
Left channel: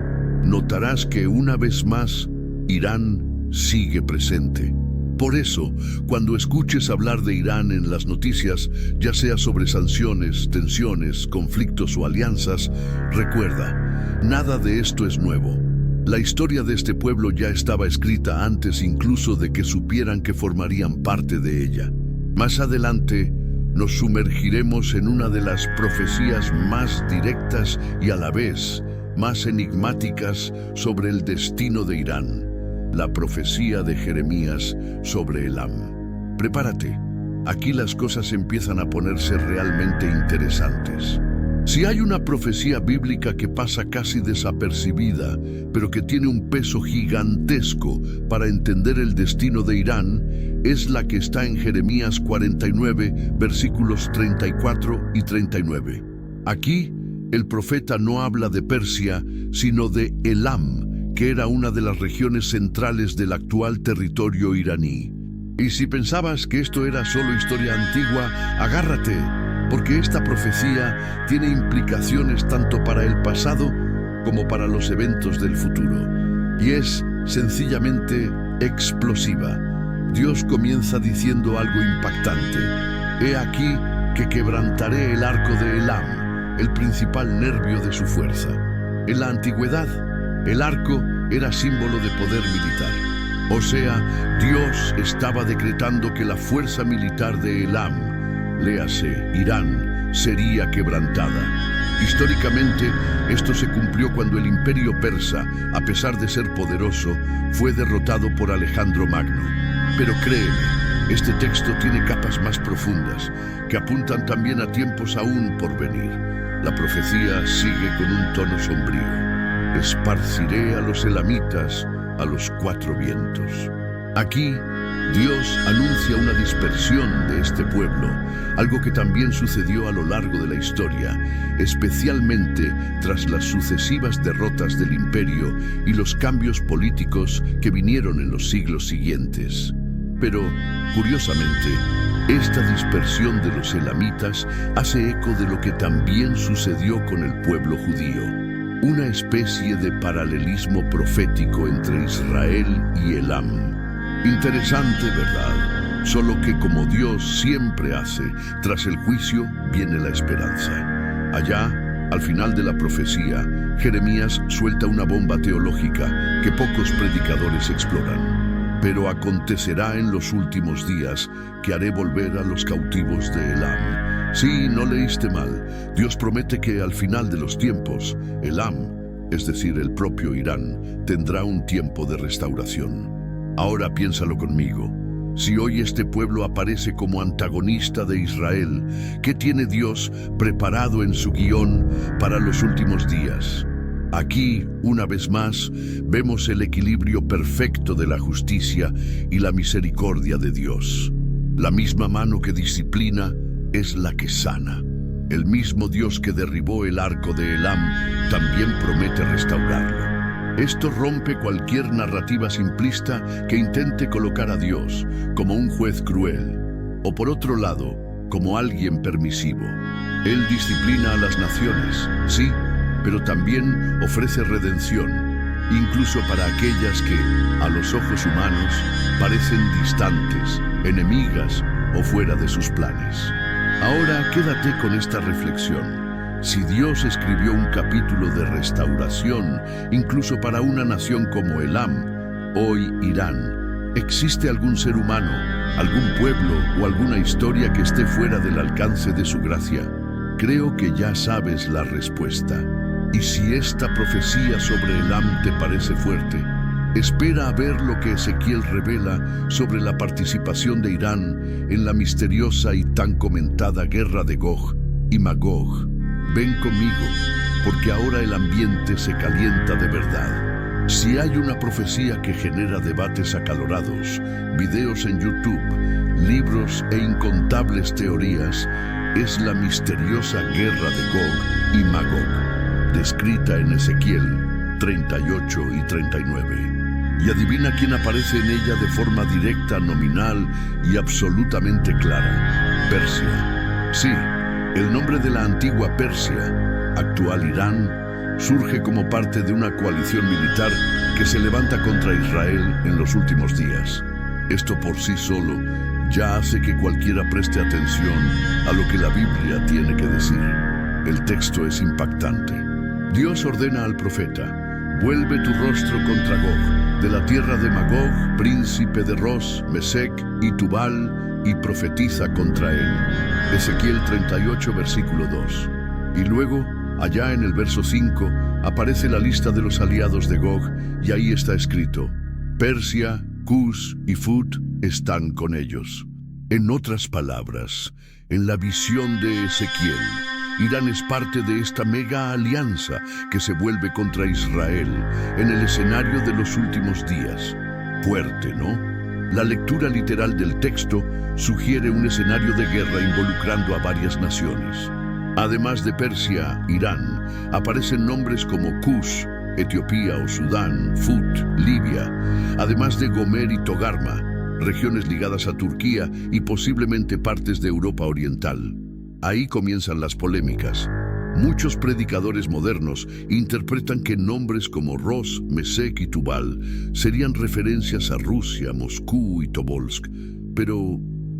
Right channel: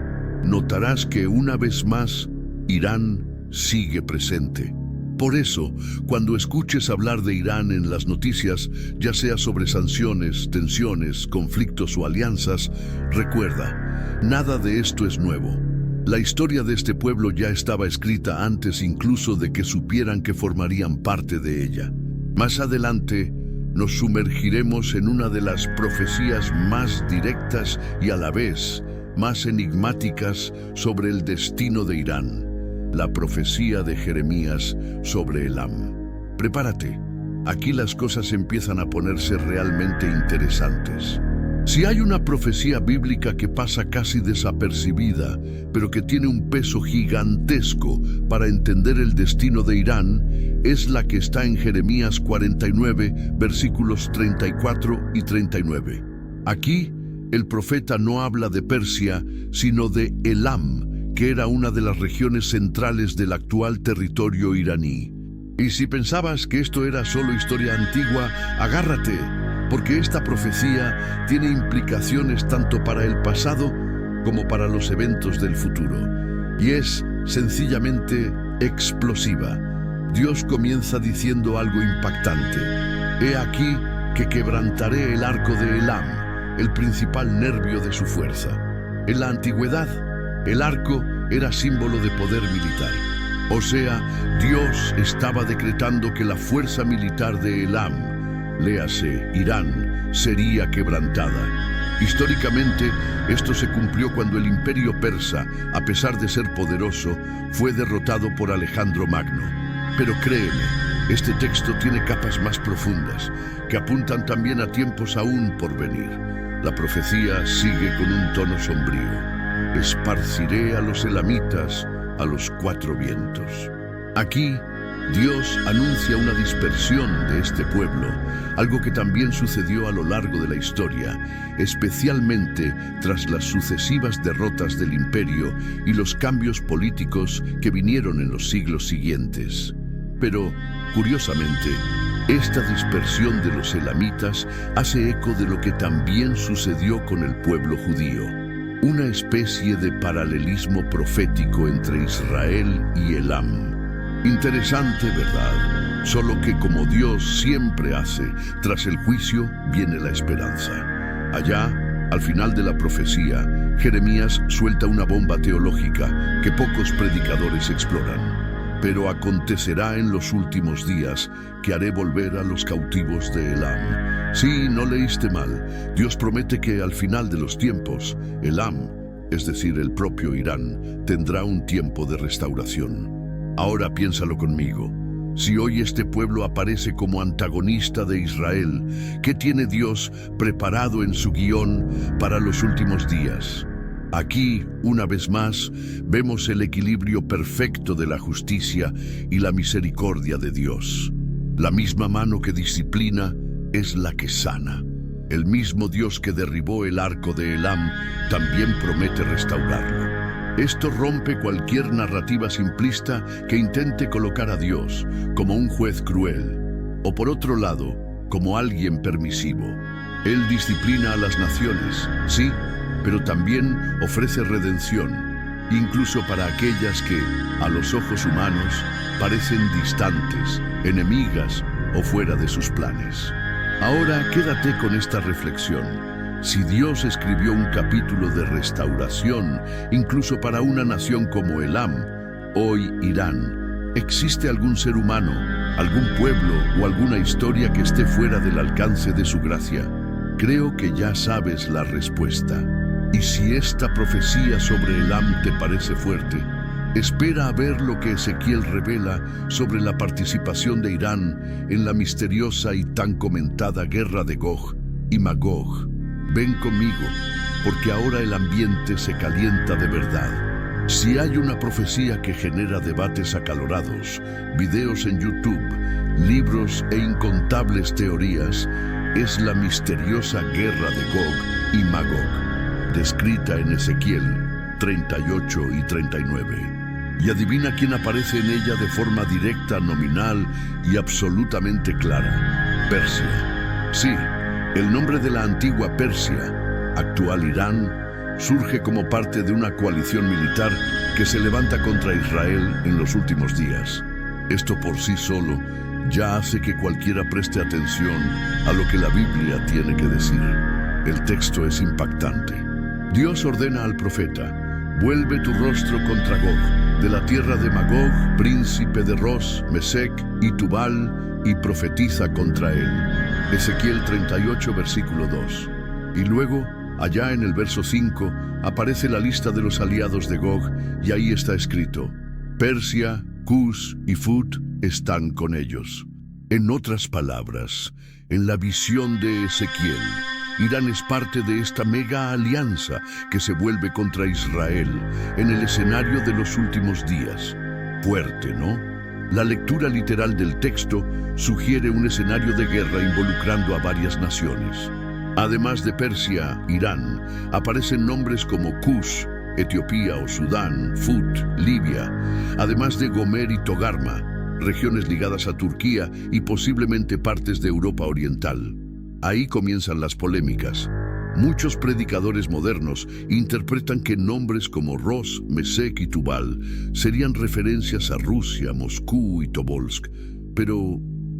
notarás que una vez más, Irán sigue presente. Por eso, cuando escuches hablar de Irán en las noticias, ya sea sobre sanciones, tensiones, conflictos o alianzas, recuerda, nada de esto es nuevo. La historia de este pueblo ya estaba escrita antes incluso de que supieran que formarían parte de ella. Más adelante, nos sumergiremos en una de las profecías más directas y a la vez más enigmáticas sobre el destino de Irán. la profecía de Jeremías sobre Elam. Prepárate, aquí las cosas empiezan a ponerse realmente interesantes. Si hay una profecía bíblica que pasa casi desapercibida, pero que tiene un peso gigantesco para entender el destino de Irán, es la que está en Jeremías 49, versículos 34 y 39. Aquí, el profeta no habla de Persia, sino de Elam, que era una de las regiones centrales del actual territorio iraní. Y si pensabas que esto era solo historia antigua, agárrate, porque esta profecía tiene implicaciones tanto para el pasado como para los eventos del futuro. Y es sencillamente explosiva. Dios comienza diciendo algo impactante. He aquí que quebrantaré el arco de Elam, el principal nervio de su fuerza. En la antigüedad, el arco era símbolo de poder militar. O sea, Dios estaba decretando que la fuerza militar de Elam, léase, Irán, sería quebrantada. Históricamente, esto se cumplió cuando el imperio persa, a pesar de ser poderoso, fue derrotado por Alejandro Magno. Pero créeme, este texto tiene capas más profundas, que apuntan también a tiempos aún por venir. La profecía sigue con un tono sombrío. Esparciré a los elamitas a los cuatro vientos. Aquí, Dios anuncia una dispersión de este pueblo, algo que también sucedió a lo largo de la historia, especialmente tras las sucesivas derrotas del imperio y los cambios políticos que vinieron en los siglos siguientes. Pero, curiosamente, esta dispersión de los elamitas hace eco de lo que también sucedió con el pueblo judío. Una especie de paralelismo profético entre Israel y Elam. Interesante, ¿verdad? Solo que como Dios siempre hace, tras el juicio viene la esperanza. Allá, al final de la profecía, Jeremías suelta una bomba teológica que pocos predicadores exploran. Pero acontecerá en los últimos días que haré volver a los cautivos de Elam. Sí, no leíste mal. Dios promete que al final de los tiempos, Elam, es decir, el propio Irán, tendrá un tiempo de restauración. Ahora piénsalo conmigo. Si hoy este pueblo aparece como antagonista de Israel, ¿qué tiene Dios preparado en su guión para los últimos días? Aquí, una vez más, vemos el equilibrio perfecto de la justicia y la misericordia de Dios. La misma mano que disciplina es la que sana. El mismo Dios que derribó el arco de Elam también promete restaurarlo. Esto rompe cualquier narrativa simplista que intente colocar a Dios como un juez cruel, o por otro lado, como alguien permisivo. Él disciplina a las naciones, sí, pero también ofrece redención, incluso para aquellas que, a los ojos humanos, parecen distantes, enemigas o fuera de sus planes. Ahora quédate con esta reflexión. Si Dios escribió un capítulo de restauración, incluso para una nación como Elam, hoy Irán, ¿existe algún ser humano, algún pueblo o alguna historia que esté fuera del alcance de su gracia? Creo que ya sabes la respuesta. Y si esta profecía sobre Elam te parece fuerte, espera a ver lo que Ezequiel revela sobre la participación de Irán en la misteriosa y tan comentada guerra de Gog y Magog. Ven conmigo, porque ahora el ambiente se calienta de verdad. Si hay una profecía que genera debates acalorados, videos en YouTube, libros e incontables teorías, es la misteriosa guerra de Gog y Magog, descrita en Ezequiel 38 y 39. Y adivina quién aparece en ella de forma directa, nominal y absolutamente clara: Persia. Sí, el nombre de la antigua Persia, actual Irán, surge como parte de una coalición militar que se levanta contra Israel en los últimos días. Esto por sí solo ya hace que cualquiera preste atención a lo que la Biblia tiene que decir. El texto es impactante. Dios ordena al profeta: vuelve tu rostro contra Gog, de la tierra de Magog, príncipe de Ros, Mesec y Tubal, y profetiza contra él. Ezequiel 38, versículo 2. Y luego, allá en el verso 5, aparece la lista de los aliados de Gog, y ahí está escrito: Persia, Cus y Fut están con ellos. En otras palabras, en la visión de Ezequiel, Irán es parte de esta mega alianza que se vuelve contra Israel en el escenario de los últimos días. Fuerte, ¿no? La lectura literal del texto sugiere un escenario de guerra involucrando a varias naciones. Además de Persia, Irán, aparecen nombres como Cus, Etiopía o Sudán, Fut, Libia, además de Gomer y Togarma, regiones ligadas a Turquía y posiblemente partes de Europa Oriental. Ahí comienzan las polémicas. Muchos predicadores modernos interpretan que nombres como Ros, Mesec y Tubal serían referencias a Rusia, Moscú y Tobolsk. Pero,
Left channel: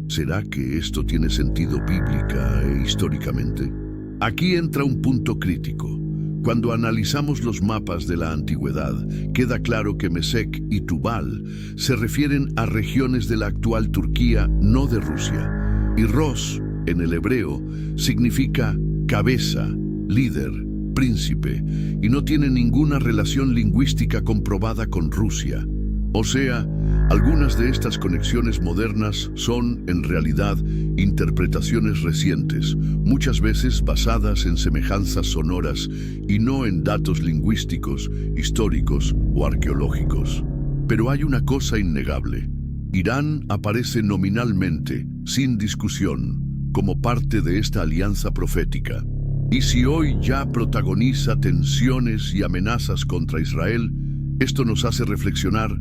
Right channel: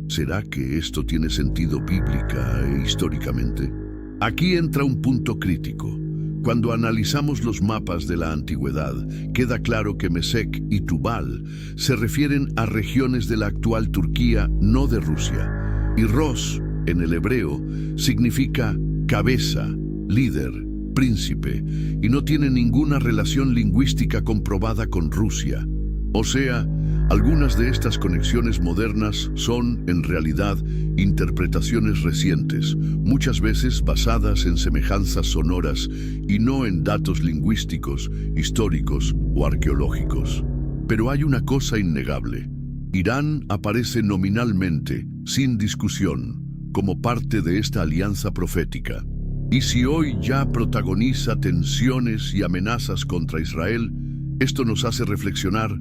¿será que esto tiene sentido bíblica e históricamente? Aquí entra un punto crítico. Cuando analizamos los mapas de la antigüedad, queda claro que Mesec y Tubal se refieren a regiones de la actual Turquía, no de Rusia. Y Ros, en el hebreo, significa cabeza, líder, príncipe, y no tiene ninguna relación lingüística comprobada con Rusia. O sea, algunas de estas conexiones modernas son, en realidad, interpretaciones recientes, muchas veces basadas en semejanzas sonoras y no en datos lingüísticos, históricos o arqueológicos. Pero hay una cosa innegable. Irán aparece nominalmente, sin discusión, como parte de esta alianza profética. Y si hoy ya protagoniza tensiones y amenazas contra Israel, esto nos hace reflexionar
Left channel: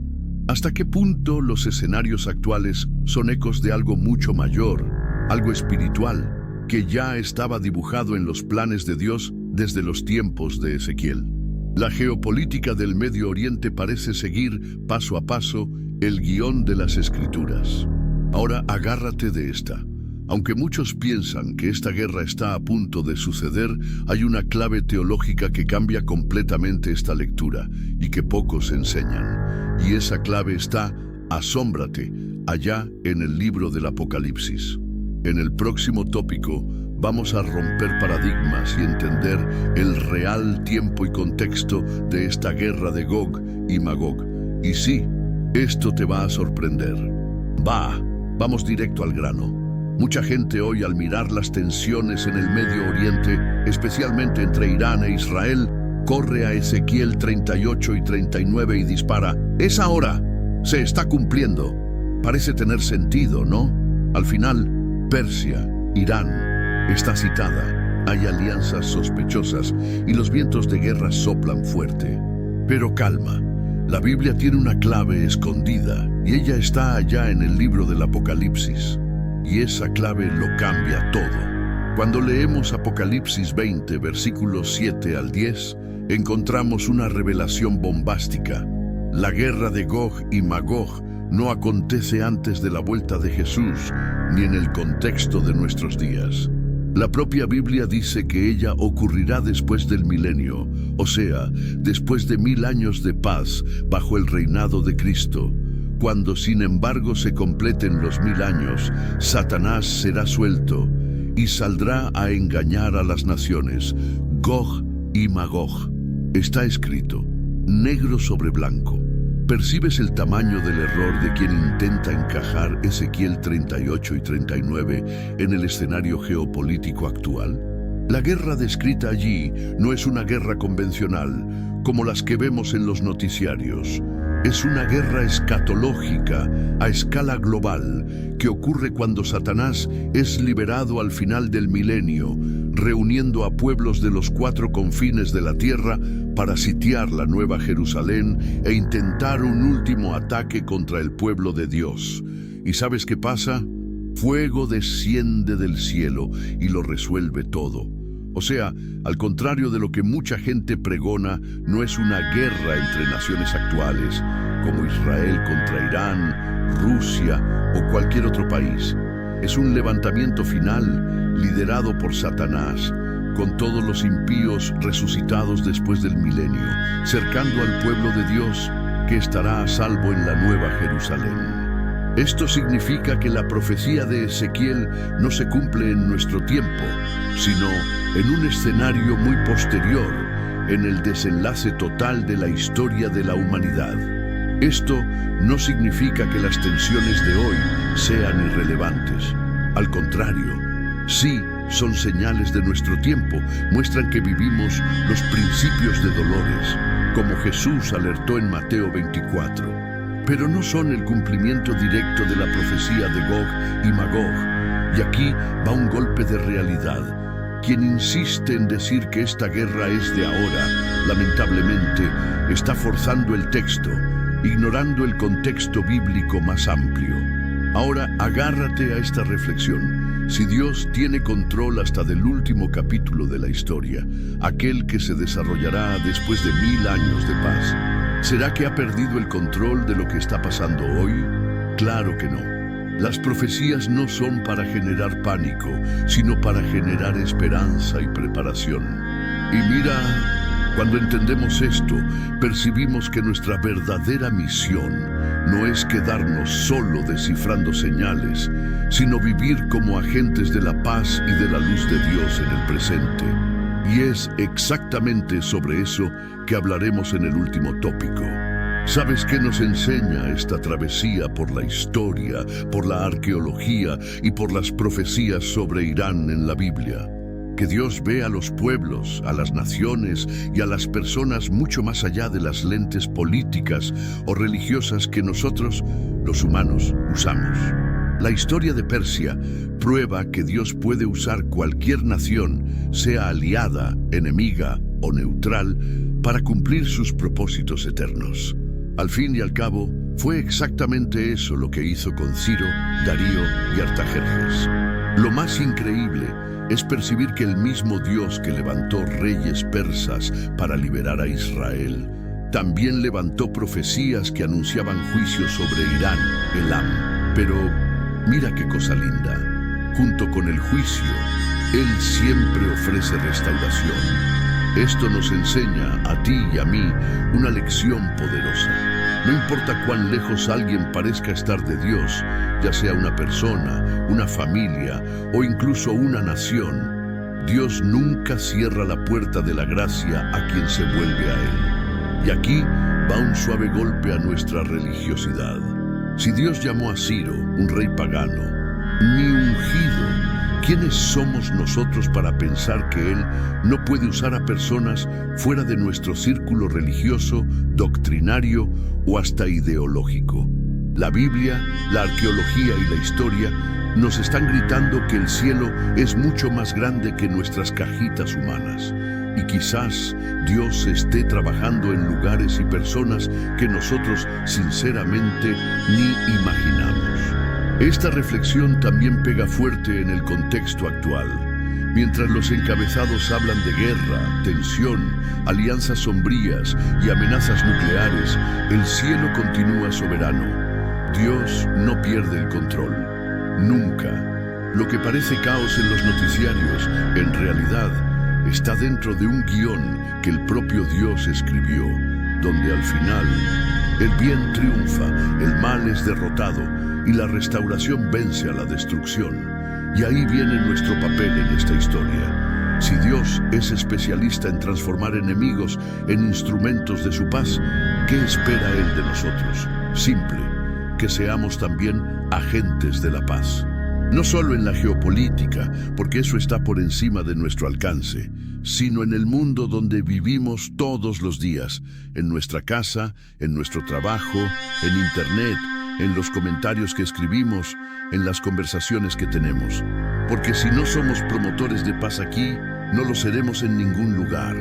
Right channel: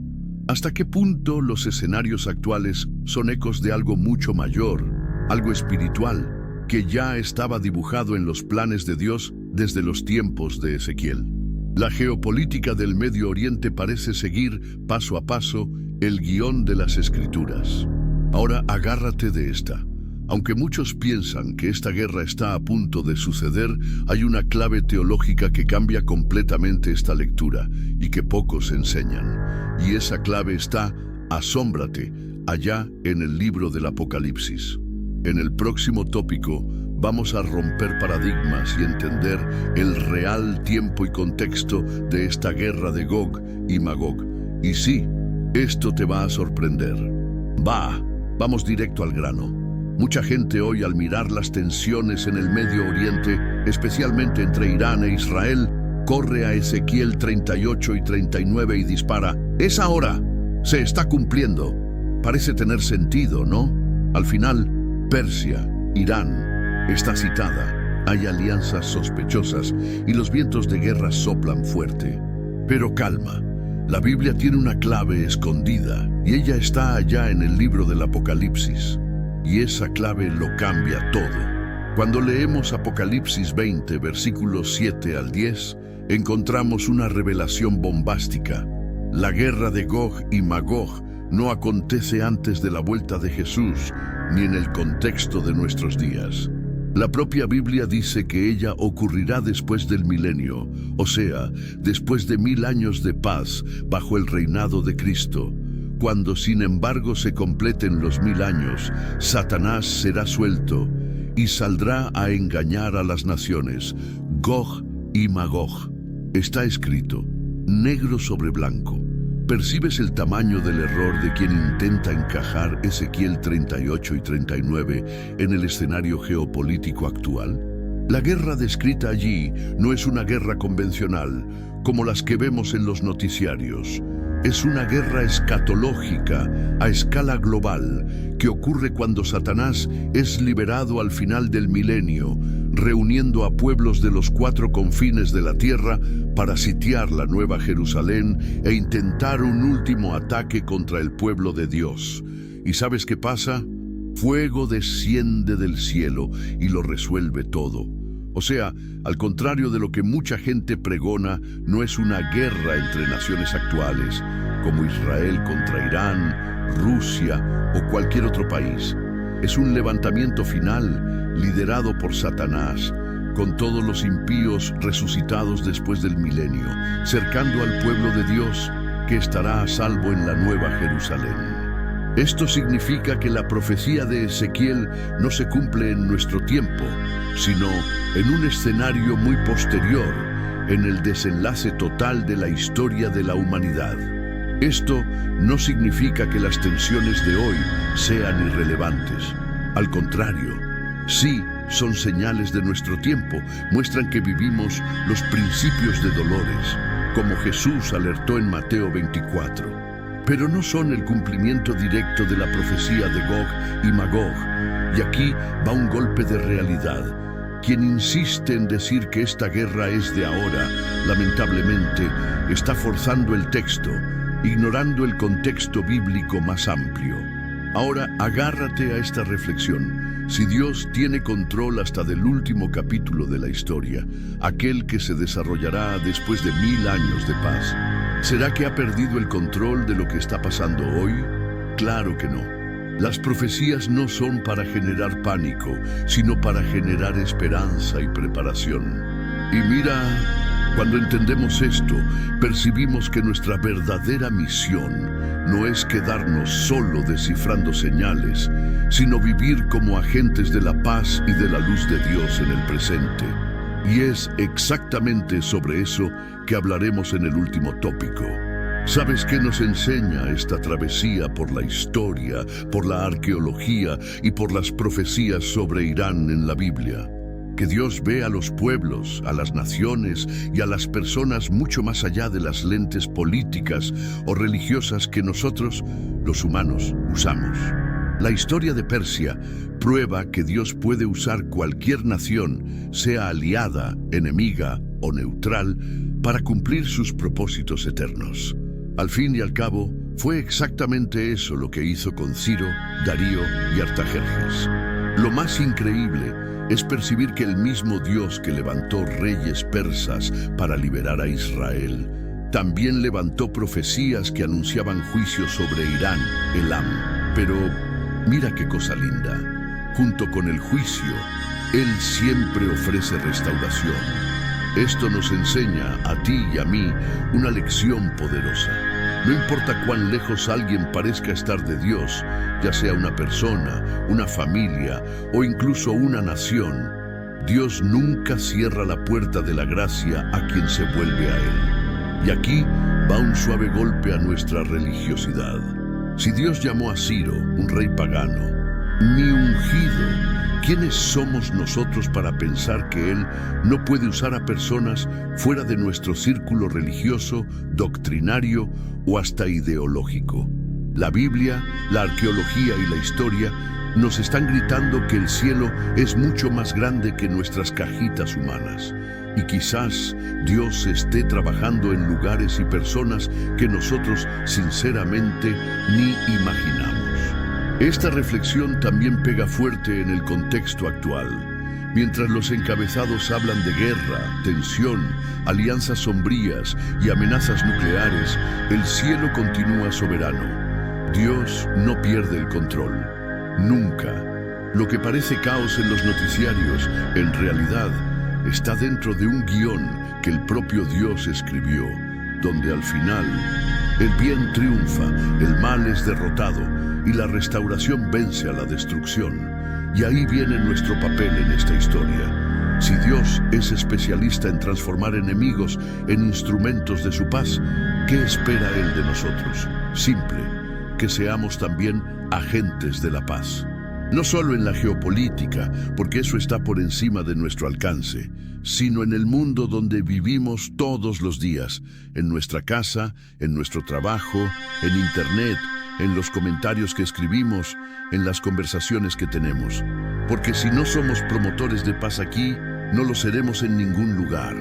hasta qué punto los escenarios actuales son ecos de algo mucho mayor, algo espiritual, que ya estaba dibujado en los planes de Dios desde los tiempos de Ezequiel. La geopolítica del Medio Oriente parece seguir, paso a paso, el guión de las Escrituras. Ahora agárrate de esta. Aunque muchos piensan que esta guerra está a punto de suceder, hay una clave teológica que cambia completamente esta lectura y que pocos enseñan. Y esa clave está, asómbrate, allá en el libro del Apocalipsis. En el próximo tópico vamos a romper paradigmas y entender el real tiempo y contexto de esta guerra de Gog y Magog. Y sí, esto te va a sorprender. Vamos directo al grano. Mucha gente hoy, al mirar las tensiones en el Medio Oriente, especialmente entre Irán e Israel, corre a Ezequiel 38 y 39 y dispara: ¡es ahora! ¡Se está cumpliendo! Parece tener sentido, ¿no? Al final, Persia, Irán, está citada. Hay alianzas sospechosas y los vientos de guerra soplan fuerte. Pero calma, la Biblia tiene una clave escondida y ella está allá en el libro del Apocalipsis. Y esa clave lo cambia todo. Cuando leemos Apocalipsis 20, versículos 7 al 10, encontramos una revelación bombástica. La guerra de Gog y Magog no acontece antes de la vuelta de Jesús, ni en el contexto de nuestros días. La propia Biblia dice que ella ocurrirá después del milenio, o sea, después de 1000 años de paz bajo el reinado de Cristo. Cuando sin embargo se completen los 1000 años, Satanás será suelto y saldrá a engañar a las naciones, Gog y Magog. Está escrito, negro sobre blanco. ¿Percibes el tamaño del error de quien intenta encajar Ezequiel 38 y 39 en el escenario geopolítico actual? La guerra descrita allí no es una guerra convencional, como las que vemos en los noticiarios. Es una guerra escatológica a escala global que ocurre cuando Satanás es liberado al final del milenio, reuniendo a pueblos de los 4 confines de la tierra para sitiar la Nueva Jerusalén e intentar un último ataque contra el pueblo de Dios. ¿Y sabes qué pasa? Fuego desciende del cielo y lo resuelve todo. O sea, al contrario de lo que mucha gente pregona, no es una guerra entre naciones actuales, como Israel contra Irán, Rusia o cualquier otro país. Es un levantamiento final liderado por Satanás, con todos los impíos resucitados después del milenio, cercando al pueblo de Dios que estará a salvo en la Nueva Jerusalén. Esto significa que la profecía de Ezequiel no se cumple en nuestro tiempo, sino en un escenario muy posterior, en el desenlace total de la historia de la humanidad. Esto no significa que las tensiones de hoy sean irrelevantes. Al contrario, sí son señales de nuestro tiempo, muestran que vivimos los principios de dolores, como Jesús alertó en Mateo 24. Pero no son el cumplimiento directo de la profecía de Gog y Magog. Y aquí va un golpe de realidad. Quien insiste en decir que esta guerra es de ahora, lamentablemente, está forzando el texto, ignorando el contexto bíblico más amplio. Ahora, agárrate a esta reflexión. Si Dios tiene control hasta del último capítulo de la historia, aquel que se desarrollará después de 1000 años de paz, ¿será que ha perdido el control de lo que está pasando hoy? Claro que no. Las profecías no son para generar pánico, sino para generar esperanza y preparación. Y mira, cuando entendemos esto, percibimos que nuestra verdadera misión no es quedarnos solo descifrando señales, sino vivir como agentes de la paz y de la luz de Dios en el presente. Y es exactamente sobre eso que hablaremos en el último tópico. ¿Sabes qué nos enseña esta travesía por la historia, por la arqueología y por las profecías sobre Irán en la Biblia? Que Dios ve a los pueblos, a las naciones y a las personas mucho más allá de las lentes políticas o religiosas que nosotros, los humanos, usamos. La historia de Persia prueba que Dios puede usar cualquier nación, sea aliada, enemiga o neutral, para cumplir sus propósitos eternos. Al fin y al cabo, fue exactamente eso lo que hizo con Ciro, Darío y Artajerjes. Lo más increíble es percibir que el mismo Dios que levantó reyes persas para liberar a Israel, también levantó profecías que anunciaban juicio sobre Irán, Elam. Pero mira qué cosa linda. Junto con el juicio, Él siempre ofrece restauración. Esto nos enseña a ti y a mí una lección poderosa. No importa cuán lejos alguien parezca estar de Dios, ya sea una persona, una familia o incluso una nación, Dios nunca cierra la puerta de la gracia a quien se vuelve a Él. Y aquí va un suave golpe a nuestra religiosidad. Si Dios llamó a Ciro, un rey pagano, mi ungido, ¿quiénes somos nosotros para pensar que Él no puede usar a personas fuera de nuestro círculo religioso, doctrinario o hasta ideológico? La Biblia, la arqueología y la historia nos están gritando que el cielo es mucho más grande que nuestras cajitas humanas. Y quizás Dios esté trabajando en lugares y personas que nosotros sinceramente ni imaginamos. Esta reflexión también pega fuerte en el contexto actual. Mientras los encabezados hablan de guerra, tensión, alianzas sombrías y amenazas nucleares, el cielo continúa soberano. Dios no pierde el control. Nunca. Lo que parece caos en los noticiarios, en realidad, está dentro de un guión que el propio Dios escribió, donde al final el bien triunfa, el mal es derrotado y la restauración vence a la destrucción. Y ahí viene nuestro papel en esta historia. Si Dios es especialista en transformar enemigos en instrumentos de su paz, ¿qué espera Él de nosotros? Simple, que seamos también agentes de la paz. No solo en la geopolítica, porque eso está por encima de nuestro alcance, sino en el mundo donde vivimos todos los días, en nuestra casa, en nuestro trabajo, en Internet, en los comentarios que escribimos, en las conversaciones que tenemos. Porque si no somos promotores de paz aquí, no lo seremos en ningún lugar.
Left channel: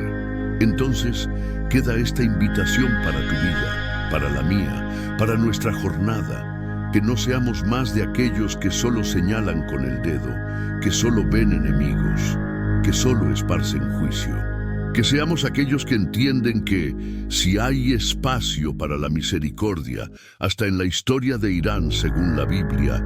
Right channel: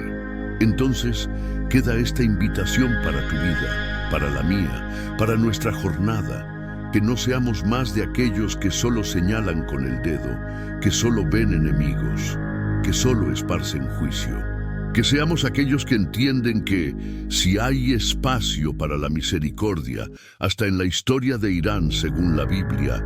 Entonces, queda esta invitación para tu vida, para la mía, para nuestra jornada. Que no seamos más de aquellos que solo señalan con el dedo, que solo ven enemigos, que solo esparcen juicio. Que seamos aquellos que entienden que, si hay espacio para la misericordia, hasta en la historia de Irán según la Biblia,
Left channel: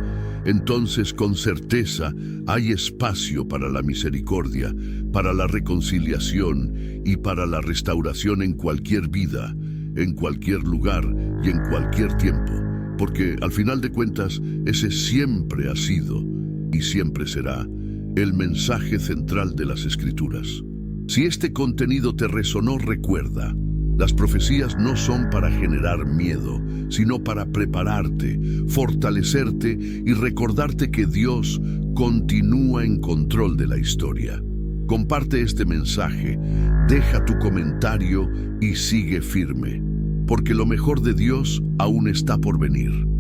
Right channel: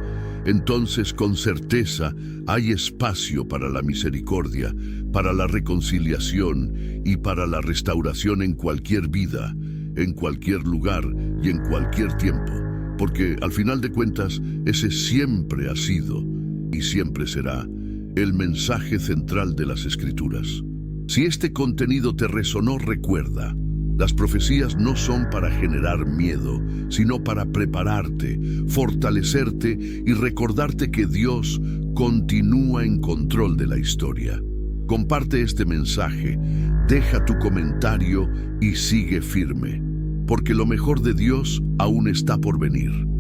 entonces con certeza hay espacio para la misericordia, para la reconciliación y para la restauración en cualquier vida, en cualquier lugar y en cualquier tiempo. Porque al final de cuentas, ese siempre ha sido y siempre será el mensaje central de las Escrituras. Si este contenido te resonó, recuerda, Las profecías no son para generar miedo, sino para prepararte, fortalecerte y recordarte que Dios continúa en control de la historia. Comparte este mensaje, deja tu comentario y sigue firme, porque lo mejor de Dios aún está por venir.